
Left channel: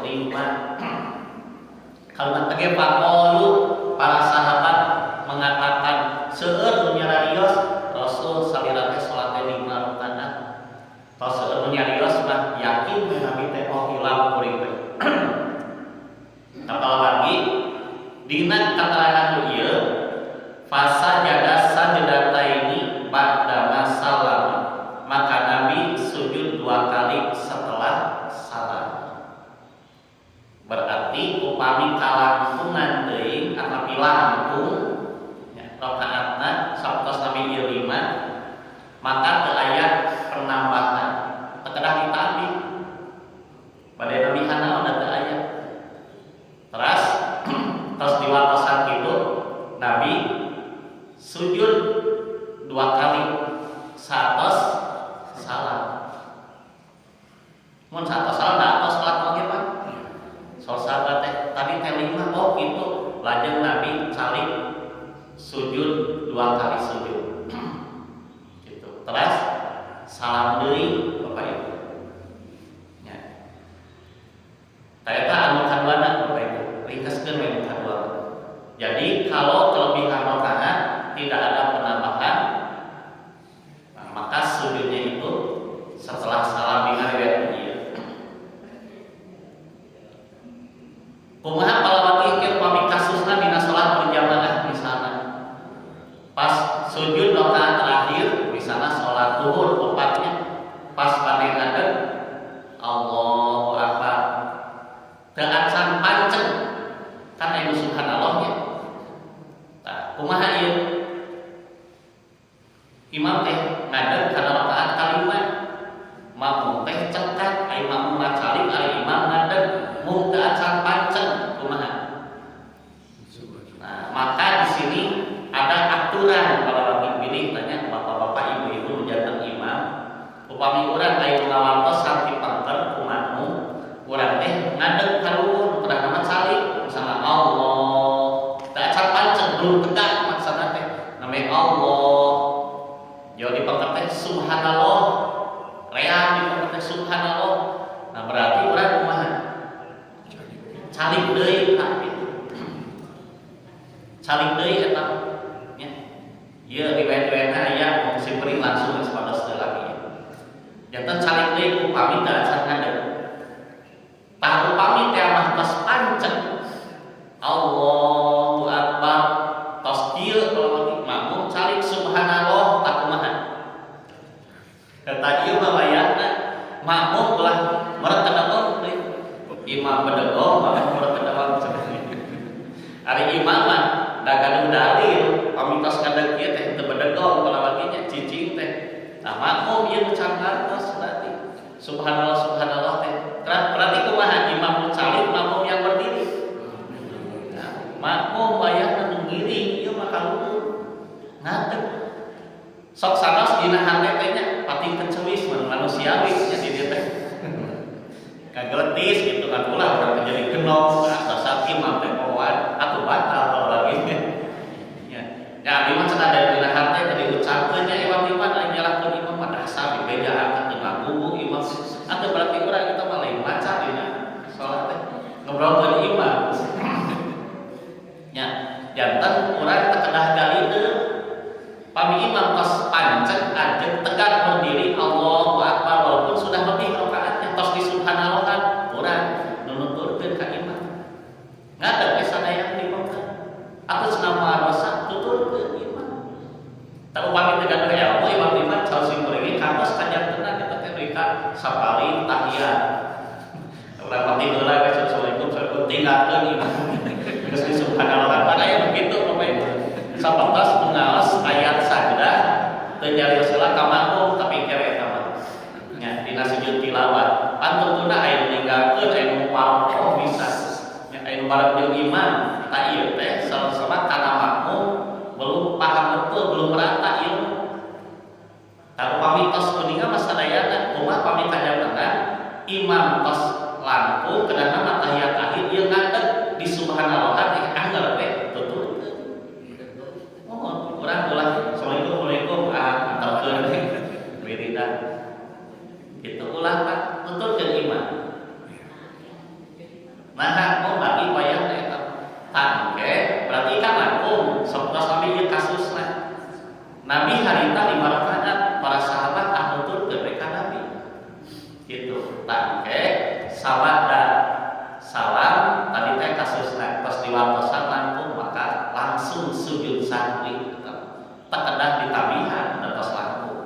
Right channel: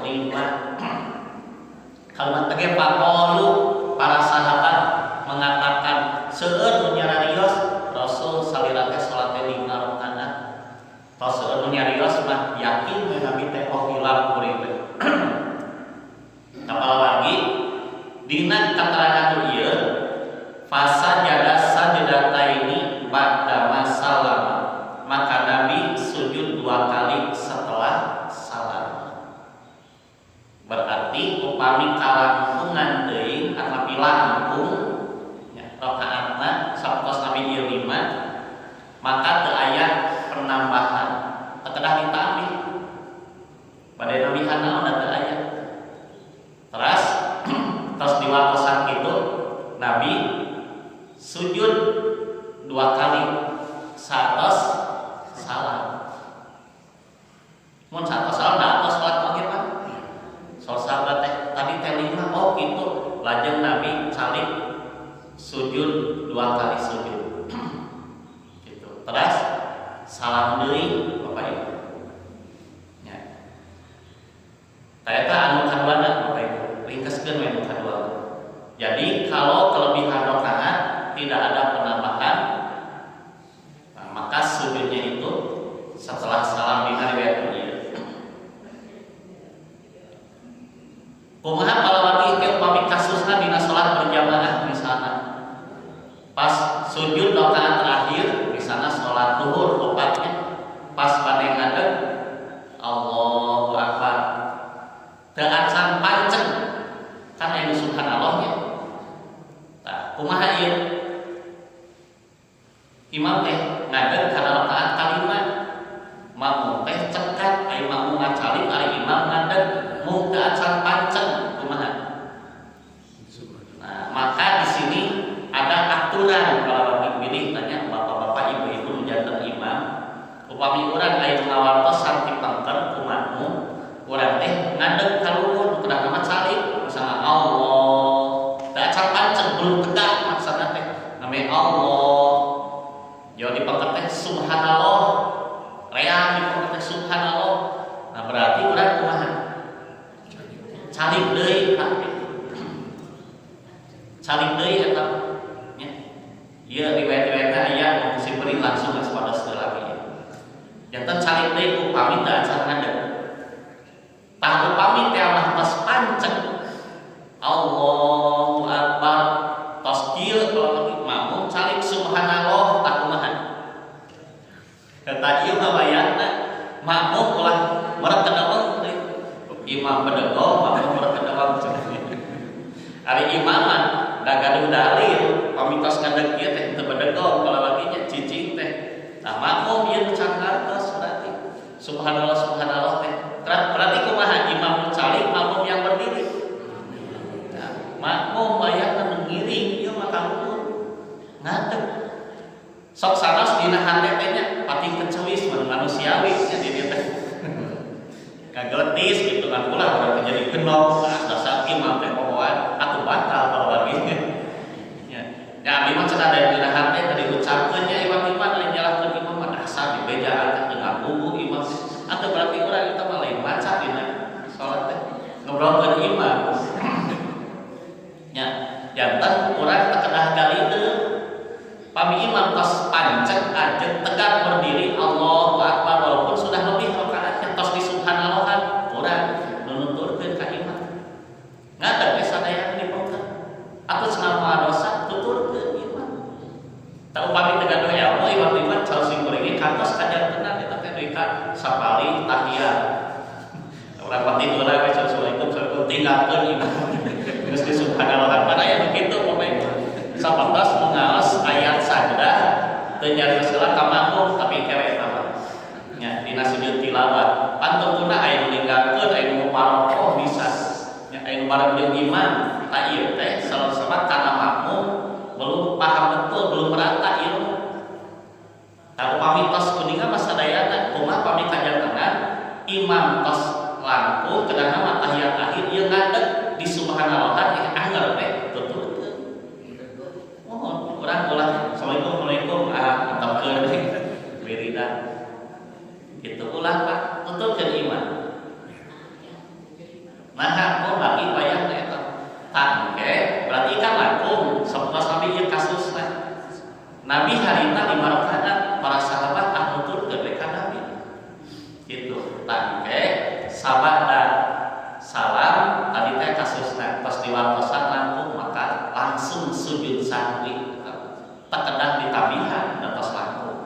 Kalimat teh faqalu para sahabat mengatakan seueur nu nyararios Rasul salirate salat 5 rakaat. Tos seueur nu nyarios mah yakin we Nabi teh hilaf kuring teh. Apalagi dina keterangan ieu fasajada sajdataini ba'da masallam. Maka Nabi sujud 2 kali setelah salam. Berarti upami kalangkungan teuing atapi langkung ya, rakaatna sapertos Nabi ieu 5, maka teu aya penambahan, teu kedah ditambih. Bade Nabi hanaon teu aya. Terus diwatosan kitu Nabi sujud 2 kali satos salam. Mun satos salam da atos salat oge Pak. Saur sahabat teh tadi teh 5 oh gitu. Lajeng Nabi calik sujud 2 kali sujud. Gitu. Terus salam deui Bapak Ibu. Ya. Eta anu kaduana Bapak Ibu. Ringkeskeun we anu kadua. Jadi kalau kelebihan rakaat tidak ada luhur opatnya pas bade ngadeg Allahu Akbar teu acan panceng kan aya subhanallahnya. Tah kumaha ieu imam teh ngadeg kana rakaat kalima makmum teh cekat ai makmum macalik ari imam ngadeg mung teu acan panceng kumaha. Nah maka di sini ada aturan kalau lagi pilih tanya bapak-bapak ibu-ibu janten imam upami urang aya ngawartos sarti pangker ku makmum urang teh ngadeg ka luhur kudah nama calik misalna Allah teu acan panceng belum tegak maksana teh namanya Allah jauh di pangker teh subhanallah reang di pangker teh subhanallah. Nah berarti urang kumaha calik deui calik deui eta nya ieu riwayat-riwayatna aya mun simpeuring langsung geus pados teu lami ya janten calik deui upami teu acan ngadeg tah upami teh mah tos panceng Allahu Akbar tos kieu kalau lagi makmum calik subhanallah tak kumaha eta ieu mah wayahna makmum ulah merek kedawang deui imam bedegong makmum merek kedawang ari imam mah da gaduh dalil pamitos ngadeg ieu teh teu bedegong kalau lagi nya cicing teh. Nah makmum ieu nu can ngartos berarti subhanallah subhanallah teh berarti kumaha imam nu calik makmum yang berdiri. Nah makmum bayangna nu ngiring ieu mah kaluhur ngadeg sok sanes dina hate teh nya pati kecewis manusiawi nya di dieu teh kageletis gitu kan ulah urang teh jadi genop dasar imam teh pohoan atuh batal kalau lagi ya abdi mah cenah dari dina hate teh diucapkeun nya iwan-iwan lain nyalahkeun imam mah dasar dibejaan teh ngagugu imam atuh berarti urang eta mah lain maca dina salat teh ngobrolkeun imam nya janten urang teu kedah galideu pami imam tos panceng ajeg tegak berdiri Allahu Akbar walaupun sudah lebih rakaatnya tos di subhanallahan urang nunuturkeun ka imam ngadeg ge sadayana dipengkeun atuh cenah moal dosa tuturkeun imam tah upami teu gaduh ilmu imam caos simkuring kantos kajantenan eta teh deui ka sapali tahiyat urang pati heula ge assalamualaikum tinggalkeun imam geus di subhanallahan padahal anu kitu Bapak Ibu sapatos mengaos ayat sajdah teu nyarios heula ka makmum tapi kewe eta mah nya dina sujud tilawat pantungna aya nu ninggalkeun aya nu parokoh bisa nya aya nu bareng jeung imam ta ieu teh sama kana makmum belum paham betul belum merata ilmu tah upami tos kuninga mah sadayana kumaha pami kajantenan imam tos langkung kedah mah tahiyat akhir ieu ngadeg di subhanallah anger teh tuturkeun urang ulah assalamualaikum antepkeun wiridan kitu ulah Pak tuturkeun imam. Nah mun bagi wayah eta tangke berarti kan langkung saputos sami ieu kasusna Nabi harita 5 rakaat para sahabat nuturkeun ka Nabi kitu tangke sabada salam tadi teh kasusna pas diwartosan langkung maka langsung sujud sahwi tekedah ditabihan atas langkung.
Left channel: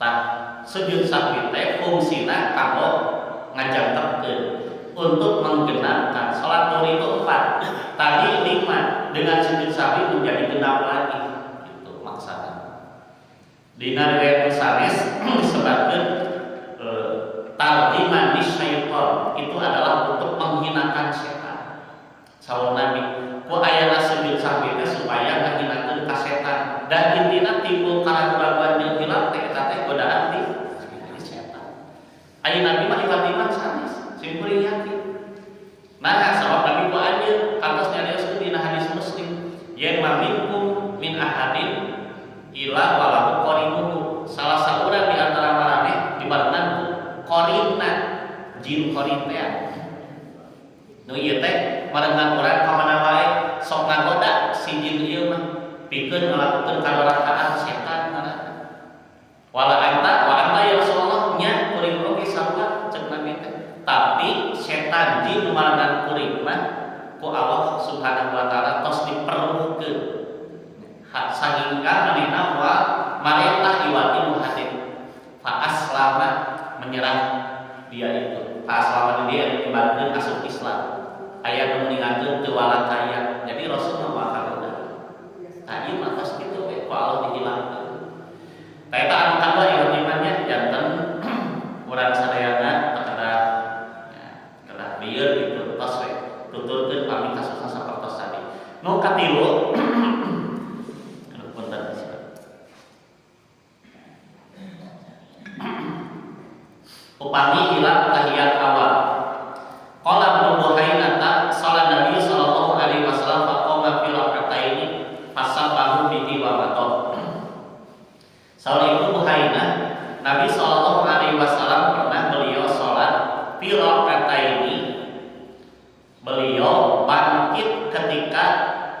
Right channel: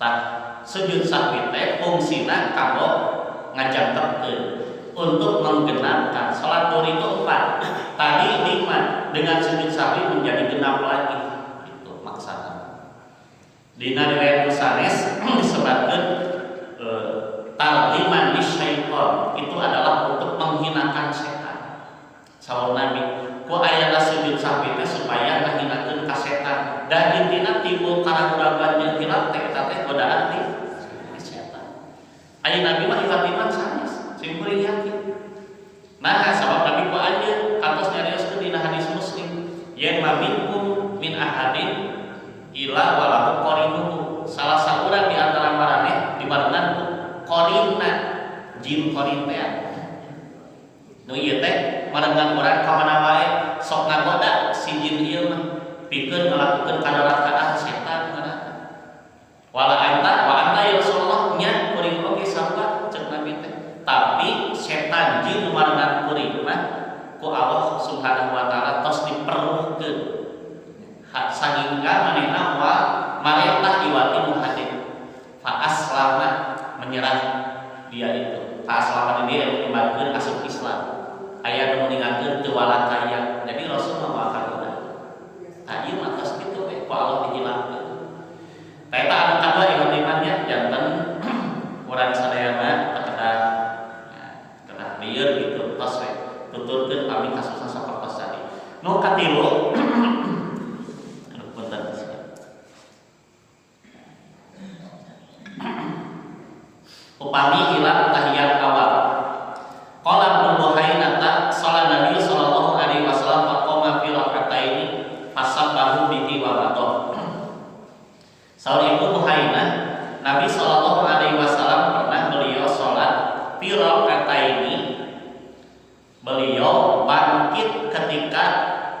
Tah sujud sahwi teh fungsina kanggo ngajangtepkeun untuk menggenapkan salat zuhur itu 4 tadi 5 dengan sujud sahwi menjadi genap lagi itu maksana. Dina riwayat sanes disebutkeun targhiman lisyaiton itu adalah untuk menghinakan setan. Saur Nabi ku ayana sujud sahwi teh supaya ngahinakeun ka setan dan intina timbul karaguan jeung hilaf teh eta teh godaan ti setan. Aya Nabi mah iman sanes simkuring yakin. Nah sabab Nabi ku anjeun kantos nyarioskeun dina hadis Muslim yen maminkum min ahadin ila walahu qarinuhu salah saurang di antara maraneh dibarengan ku qarinna jin qarin teh nu ieu teh marengan urang ka mana wae sok ngagoda si jin ieu mah pikeun ngalakukeun kadorakaat setan ngaranna wala anta ya Rasulullah nya kuring oge sarua cek Nabi teh tapi setan jin nu marengan kuring mah ku Allah Subhanahu wa taala tos diperlukeun sahingga manehna moal marentah iwati nu hade fa aslama menyerah dia itu fa aslama dia ibaratkeun asup Islam aya nu ningalkeun teu wala kaya jadi Rasul mah moal nah ieu mah tos kitu we ku Allah dihilangkeun eta anu kadua iwat imannya janten urang sadayana kedah kedah lieur gitu tos we tuturkeun pami kasusna sapertos tadi nu katilu anu punten upami hilang tahiyat awal qala Ibnu Buhainata salat Nabi sallallahu alaihi wasallam faqama fi rak'ataini fasabbahu bihi wa madha saur Ibnu Buhainah Nabi sallallahu alaihi wasallam pernah beliau salat fi rak'ataini beliau bangkit ketika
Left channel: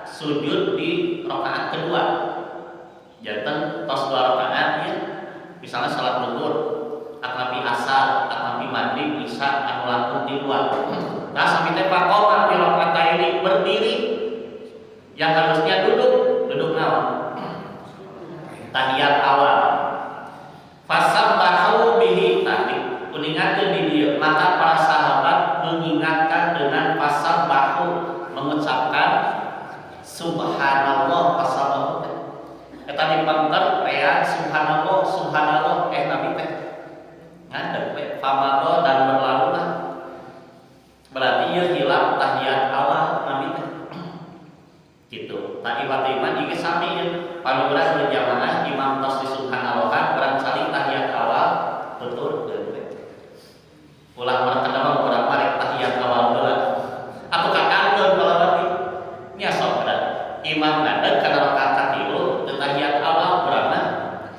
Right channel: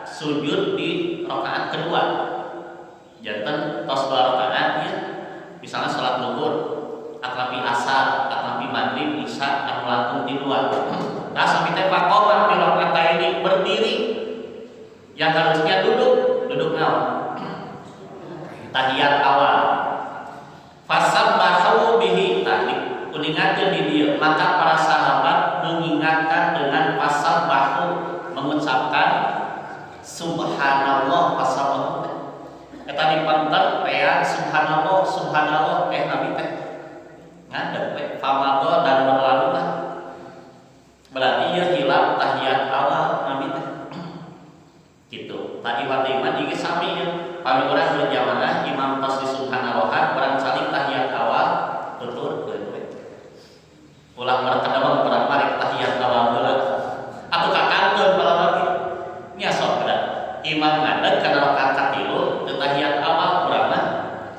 sujud di rakaat kedua janten tos 2 rakaat ya misalnya salat zuhur atnapi asar, atnapi maghrib, isya anu langkung di 2 nah sampai teh faqoma fi rak'ataini berdiri yang harusnya duduk naon tahiyat awal fasabbahu bihi tadi kuningatkeun di dieu maka para sahabat mengingatkan dengan fasabbahu mengucapkan subhanallah fasabbahu eta dipangter rea subhanallah nabi teh ngadeg we famado dan berlalu lah berarti ieu hilap tahiyat awal nabi teh gitu iwat iman ieu sami ya pami urang berjamaah imam tos di subhanallahan urang saling tahiyat awal tuturkeun we ulah merkedamang urang mari tahiyat awal heula atuh kakankeun balawan nya sok kada imam ngadeg kana rakaat katilu teu tahiyat awal urang mah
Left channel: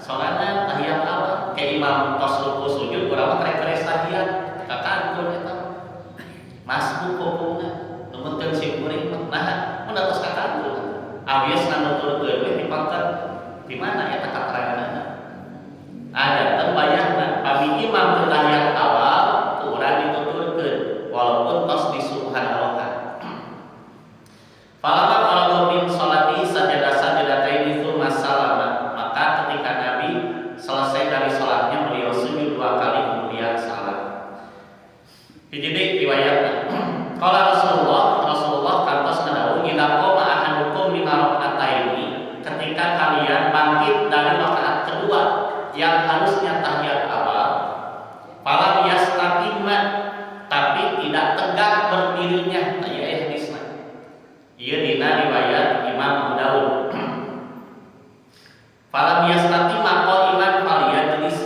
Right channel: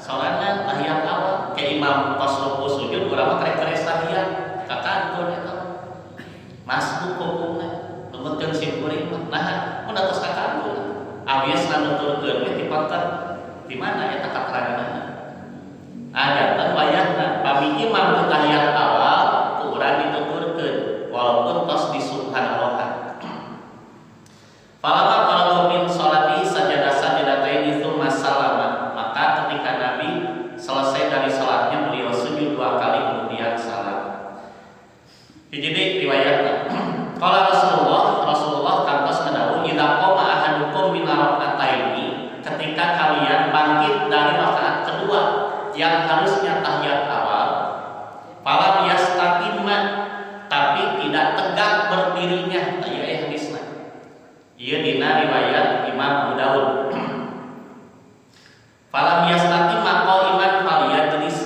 sorangan tahiyat awal ke imam tos ruku sujud urang mah karek tahiyat kakankeun eta masbuk hukumna numetkeun simkuring nah mun tos kakankeun awies nuturkeun we dipangker di mana eta kateranganna ajanten wayahna pami imam teu tahiyat awal ku urang dituturkeun walaupun tos di subhanallah falama faraga min sholati sajadatain itu masalama maka ketika Nabi selesai dari salatnya beliau sujud 2 kali kemudian salam jadi riwayatna qala Rasulullah kantos ngadawu idza qama ahadukum min rak'ataini ketika kalian bangkit dari rakaat kedua yang harusnya tahiyat awal falam yastaqimma tapi tidak tegak berdirinya aya hadisna ieu dina riwayat Imam Abu Daud falam yastaqimma qa'iman falyajlis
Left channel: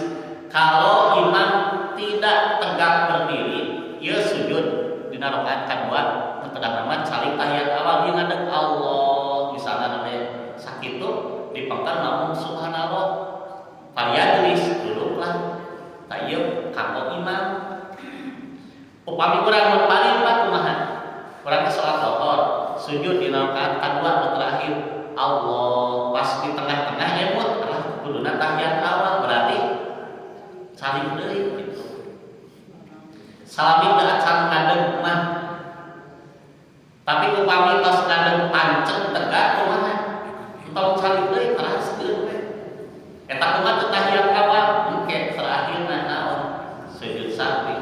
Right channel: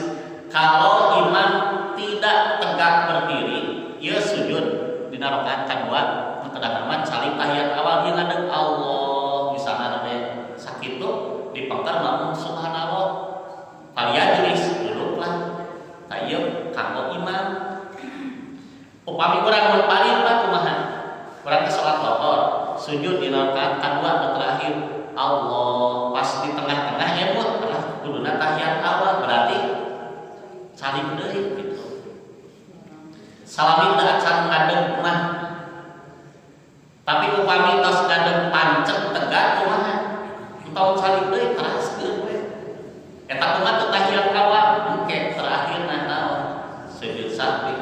kalau imam tidak tegak berdiri ieu sujud dina rakaat kadua kedah nama saling tahiyat awal ieu ngadeg Allah misalna teh sakitu dipengker mamun subhanallah falyajlis duduklah ta ieu kanggo imam upami urang mun palimpat kumaha urang ke salat lohor sujud di rakaat kadua terakhir Allah pas di tengah-tengah emut alah kuduna tahiyat awal berarti saling deui gitu salami teu acan ngadeg mah tapi upami tos ngadeg pancet tegak kumaha entong saling deui teraskeun we eta kumaha teu tahiyat awal engke terakhirna naon sujud sahwi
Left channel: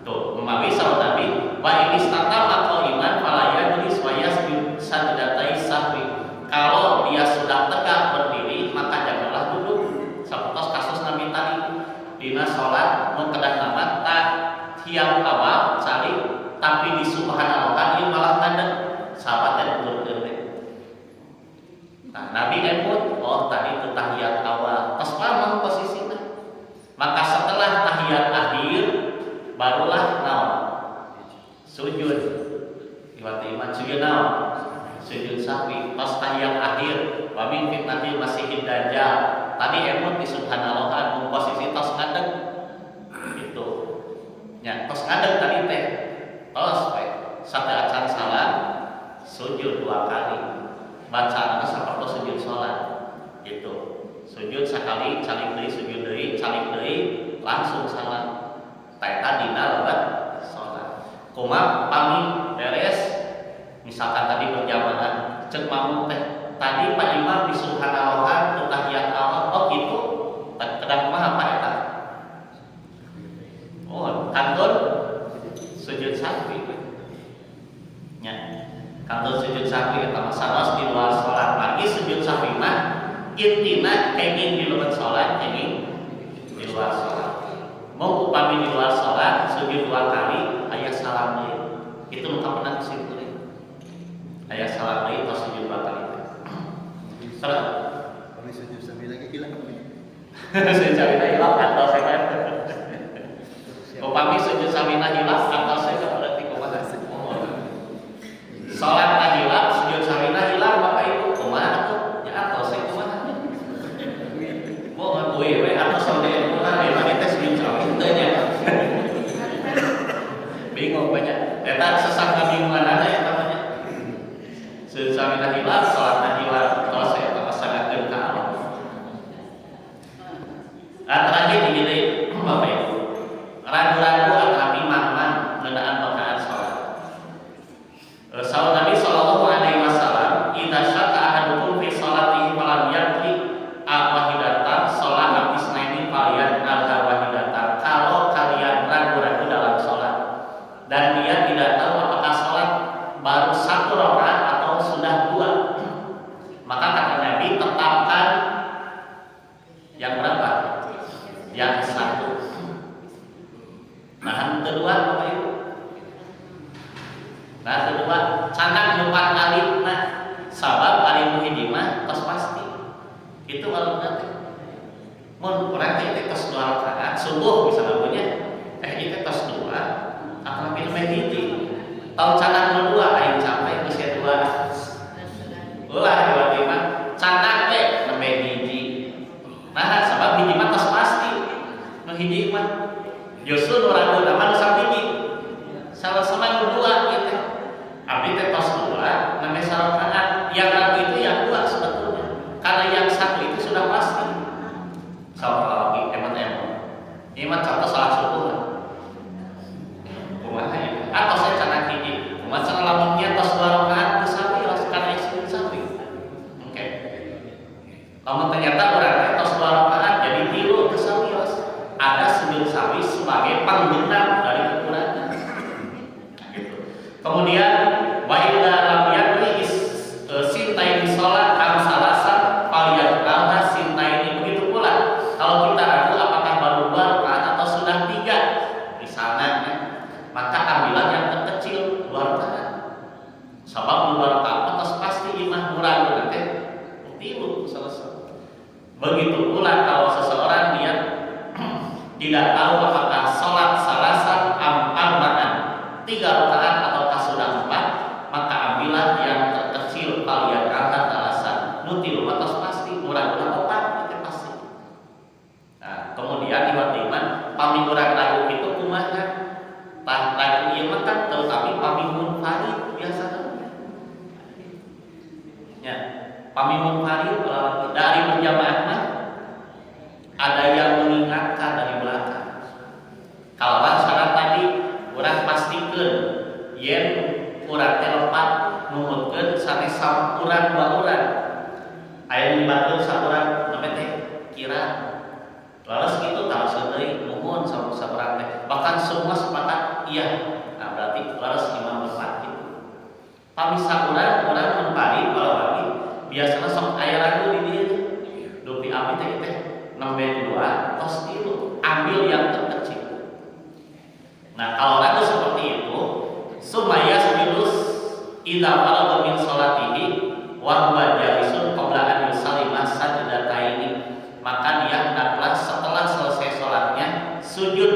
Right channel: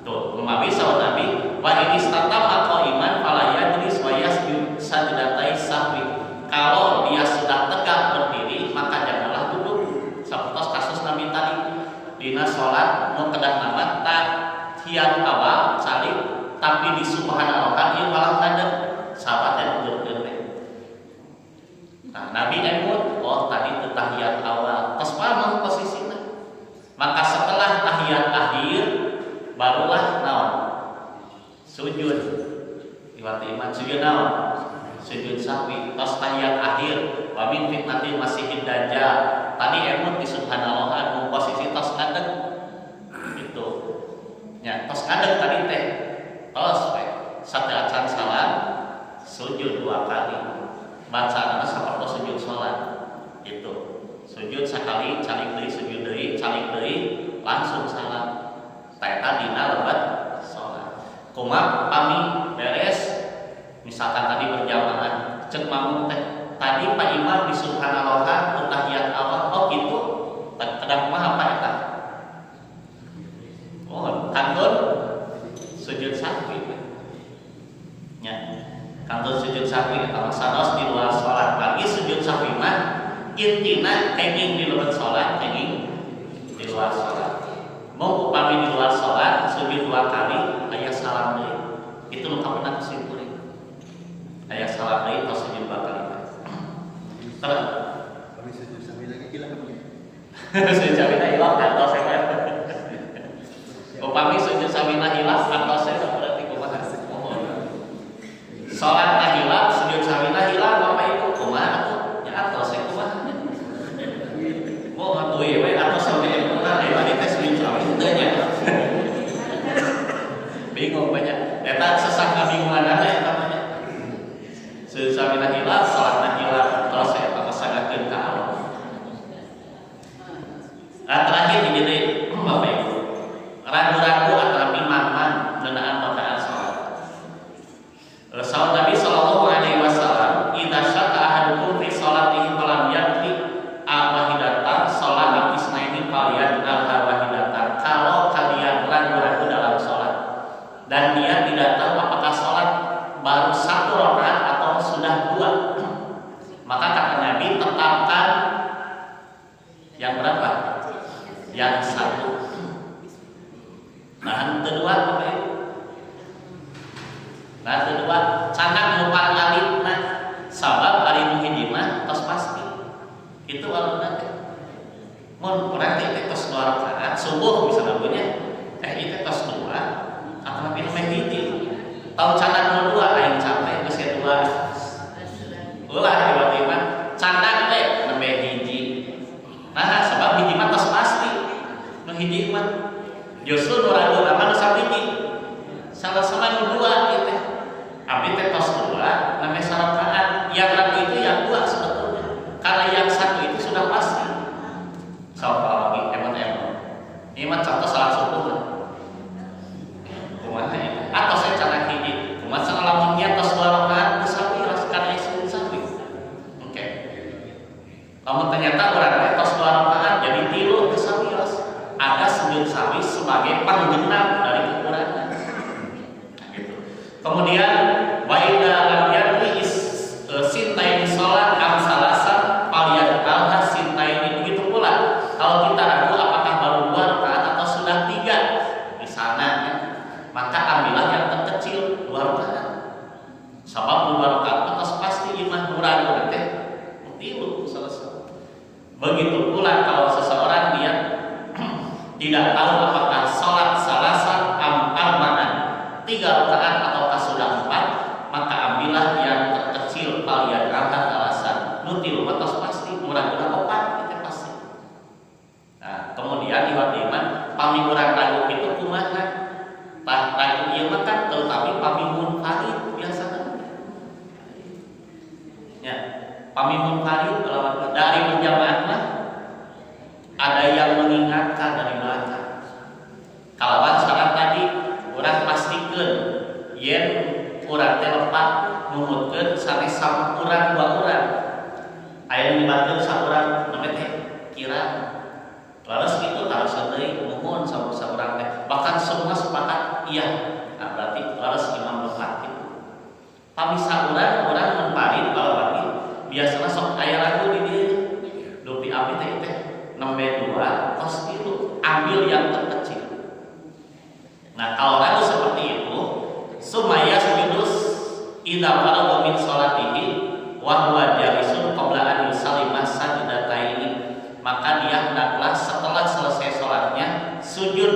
tuh memawi saur Nabi wa ini statama qaiman fala yajlis wa yasjud sajdatai sahwi kalau dia sudah tegak berdiri maka janganlah duduk sapertos kasus Nabi tadi dina salat nu kedah nama tahiyat awal salih tapi di subhanallah ieu malah ngadeg sahabatnya nuturkeun we nah Nabi emut oh tadi teu tahiyat awal tos pamang posisina maka setelah tahiyat akhir barulah naon sujud iwat iman sujud naon sujud sahwi tos tahiyat akhir wa min fitnatil masihid dajjal tadi emut di subhanallah nu posisi tos ngadeg gitu nya tos ngadeg tadi teh tos we sate acan salam sujud 2 kali bacaanna sapertos sujud salat gitu sujud sakali calik deui sujud deui calik deui langsung salam eta dina lebat salat kumaha pami beres misalkan tadi berjamaah cek mamung teh tadi Pak Imam di subhanallah ke tahiyat awal, oh gitu kadang mah apa eta? Oh kantun sujud sahwi nya, kantun sujud sahwi eta mah sanes di luar salat. Lagi sujud sahwi mah intina kenging di lebat salat, kenging di luar salat. Mau upami di luar salat sujud 2 kali aya salam deui, itu nu kapenang simpulin aya salam deui tos sujud 2 kali. Terus kami sujud sahwi lagi hilang. sujud sahwina hilang atau saya upami sujud sahwina hilang atau saya berarti kumaha? Salat na hilang, sujud sahwina hilang Bapak Ibu kumaha atuh? Ya atau saya kumaha? Mohon we atau sampai benar ya tadi tes sujud sahwi teu nya. Bingung banyak. Eta sesah kabingungan ada ya namanya. Sujud sahwina hilang, salatna hilang, terus saya pasangakeun ka Allah. Nah, terakhir gini Bapak Ibu, ragu-ragu antara imam ngeunaan rakaat salat. Sahabat Nabi sallallahu alaihi wasallam, "Idza syaka ahadukum fi sholatihi falam yaqli al-wahidatan shalat isnaini falyan al-wahidatan." Kalau kalian ragu-ragu dalam salat dan dia tidak tahu apakah salat baru 1 rakaat atau sudah 2, maka kata Nabi tetapkan yang berapa? Yang 1. Nah, kedua Bapak Ibu. Nah, kedua canak mupan alifna sabab ari nu hiji mah tos pasti. Itu waluna teh. Mun urang teh tos 2 rakaat subuh misalna punya ieu teh tos 2 atau lebih nemeh hiji. Tahu canak nu 2 aing capek geus 2. Ulah tiba-tiba canak we nemeh hiji. Nah, sabab hiji mah tos pasti. Nu hiji mah justru nu ragu nama nu sabiji. Salah sama nu 2 ieu teh. Abdi teh tos 2 namanya sarakaat. Yang ragu itu yang 2 sebetulnya. Karena yang 1 itu sudah pasti. Salah lagi emot. Ini mah contoh salat subuh lah. Kumaha itu? Atau saya canak hiji. Kumaha cenah lamun nya tos 2 rakaat geus sawi kana sujud sawi. Oke. Lamun ternyata urang teh tos 2 rakaat jadi 3 geus sawi. Ada sujud sawi sebagai penggenap dari kekurangan. Nah, gitu. Kemudian wa idza lam yadri sintaini salat am salasan faliyat alha sintaini. Begitu pula kalau kita ragu apakah baru 2 rakaat atau sudah 3 di sana ya, maka ambillah yang terkecil 2 rakaat. Sebab 2 rakaat atas pasti imam ragu nanti tilu selesai. Begitu pula kalau seseorang dia tidak tahu apakah sholat salasan arba'an 3 rakaat ataukah sudah 4, maka ambillah yang terkecil palian angkat alasan nutil matos pasti murah-murah 4 itu pasti. Nah, kemudian iman pami urang ragu itu kumaha? Tah ragu ieu mah kan tetapi pami munfarid biasana. Ya, pami munfarid lawan dari berjamaah mah ada yang mengingatkan dari belakang. Kalawan syarat tadi urang pastikeun yen urang teh lepat numutkeun sanes urang 2 urang. Aya libatkeun saurang name teh kira. Laras kitu taraseun deui nuhun saurang teh. Bahkan semua sepakat iya. Nah, berarti laras imam lepat kitu. Pamisa urang munfarid balawani biasana sok aya ragu di dieu. Dupi abdi teh nembe 2 tos 3 ambil yang terkecil. Nah, kalau ragu seperti itu, sumaya sujudus idza faragha min sholatihi wa huwa jalisun qabla an yusallima sajdataini, maka dia hendaklah setelah selesai salatnya sujud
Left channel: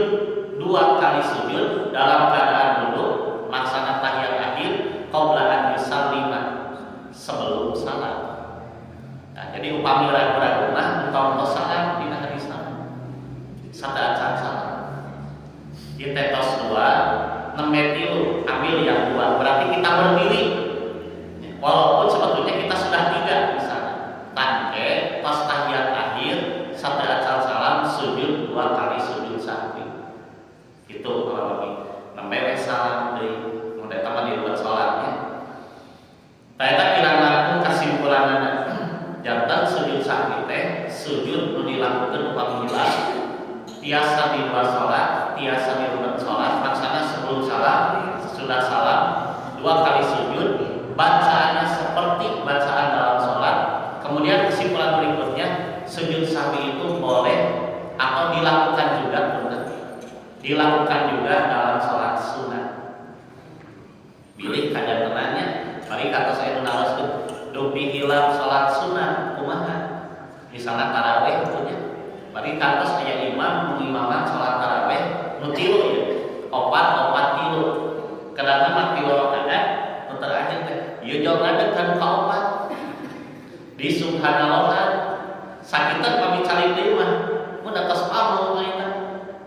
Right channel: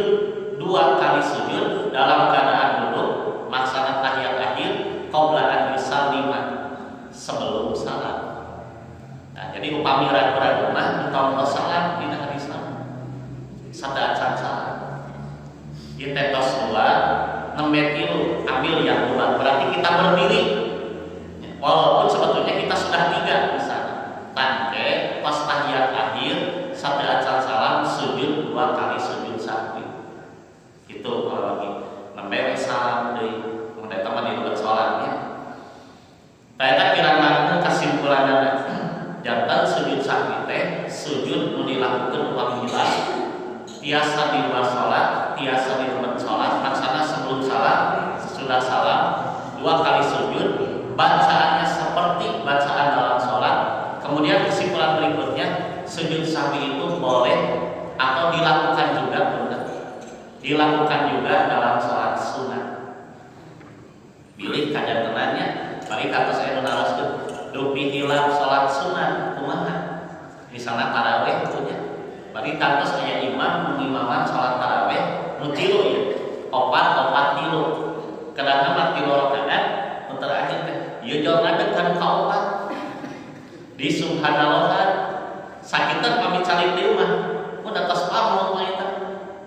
2 kali sujud dalam keadaan duduk maksana tahiyat akhir qabla an yusallima sebelum salat. Nah, jadi upami ragu-ragu mah engkau salam dina hari Islam. Sadaacan salam. Ieu teh tos 2, nembe 3, ambil yang 2. Berarti kita berdiri. Walaupun sebetulnya kita sudah 3 di sana. Tangke pas tahiyat akhir sadaacan salam sujud 2 kali sujud sahwi. Itu kalau lagi nembe we salam deui. Mun eta mah di salatnya. Eta kirang langkung kasimpulanna tiasa di luar sholat, tiasa di rumput sholat, maksana sebelum salam, sesudah salam, 2 kali sujud, bacaannya seperti bacaan dalam sholat. Kemudian kesimpulan berikutnya, sujud sahwi itu boleh atau dilakukan juga, dilakukan juga dalam sholat sunat. Bilih kajantenannya, mari kata saya nunaroskeun, dupi hilap sholat sunat kumaha. Misalnya taraweh punya, mari kantos aya imam mengimaman sholat taraweh nu tilu ya, opat tilu. Kadang-kadang mah tilu rakaat, nu terakhir teh ieu jol ngadeg kan ka opat. Di subhanallahan sakitan pami calik deui mah, mun atas pamul mah eta.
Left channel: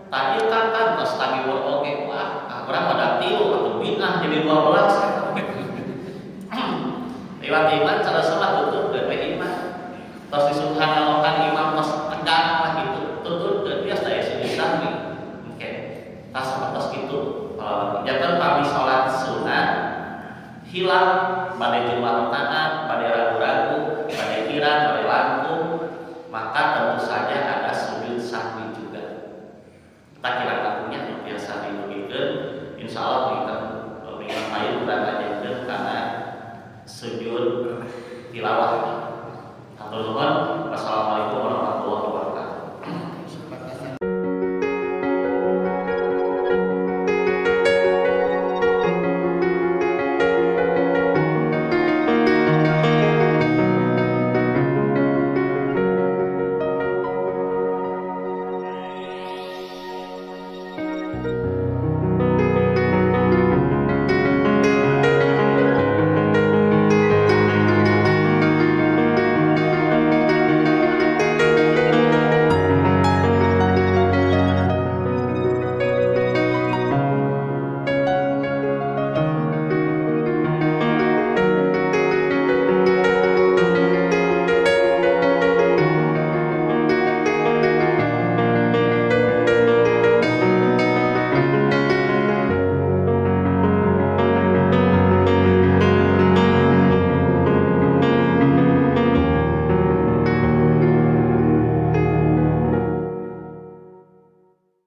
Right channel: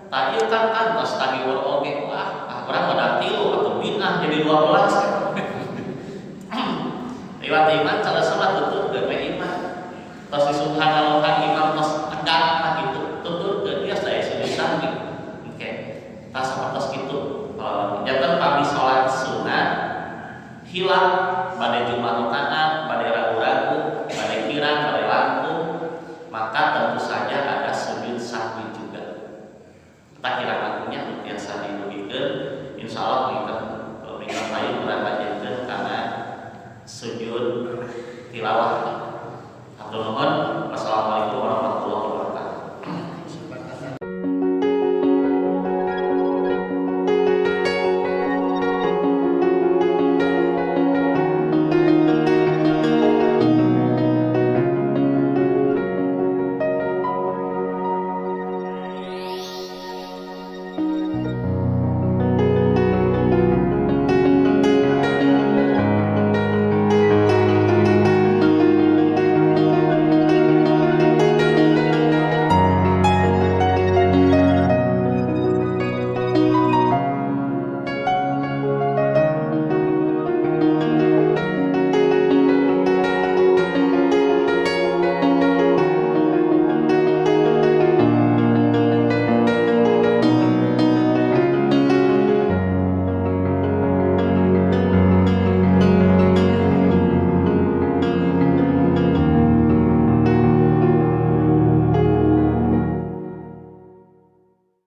Tah ieu kan kantos tagi wor oge, wah, urang mah tilu atau bid'ah jadi 12. Lewat iman cara salat tuturkeun we iman. Tos di subhanallahan imam tos tegang mah gitu, tuturkeun dia saya sujud sahwi. Oke. Tah sapertos kitu. Janten pami salat sunat hilang bade jumlah rakaat, bade ragu-ragu, bade kira, bade langkung, maka tentu saja ada sujud sahwi juga. Kita kira langkungnya biasa dibegikeun, insyaallah berikan payun urang lanjutkeun karena sujud tilawah. Hatur nuhun. Wassalamualaikum warahmatullahi wabarakatuh.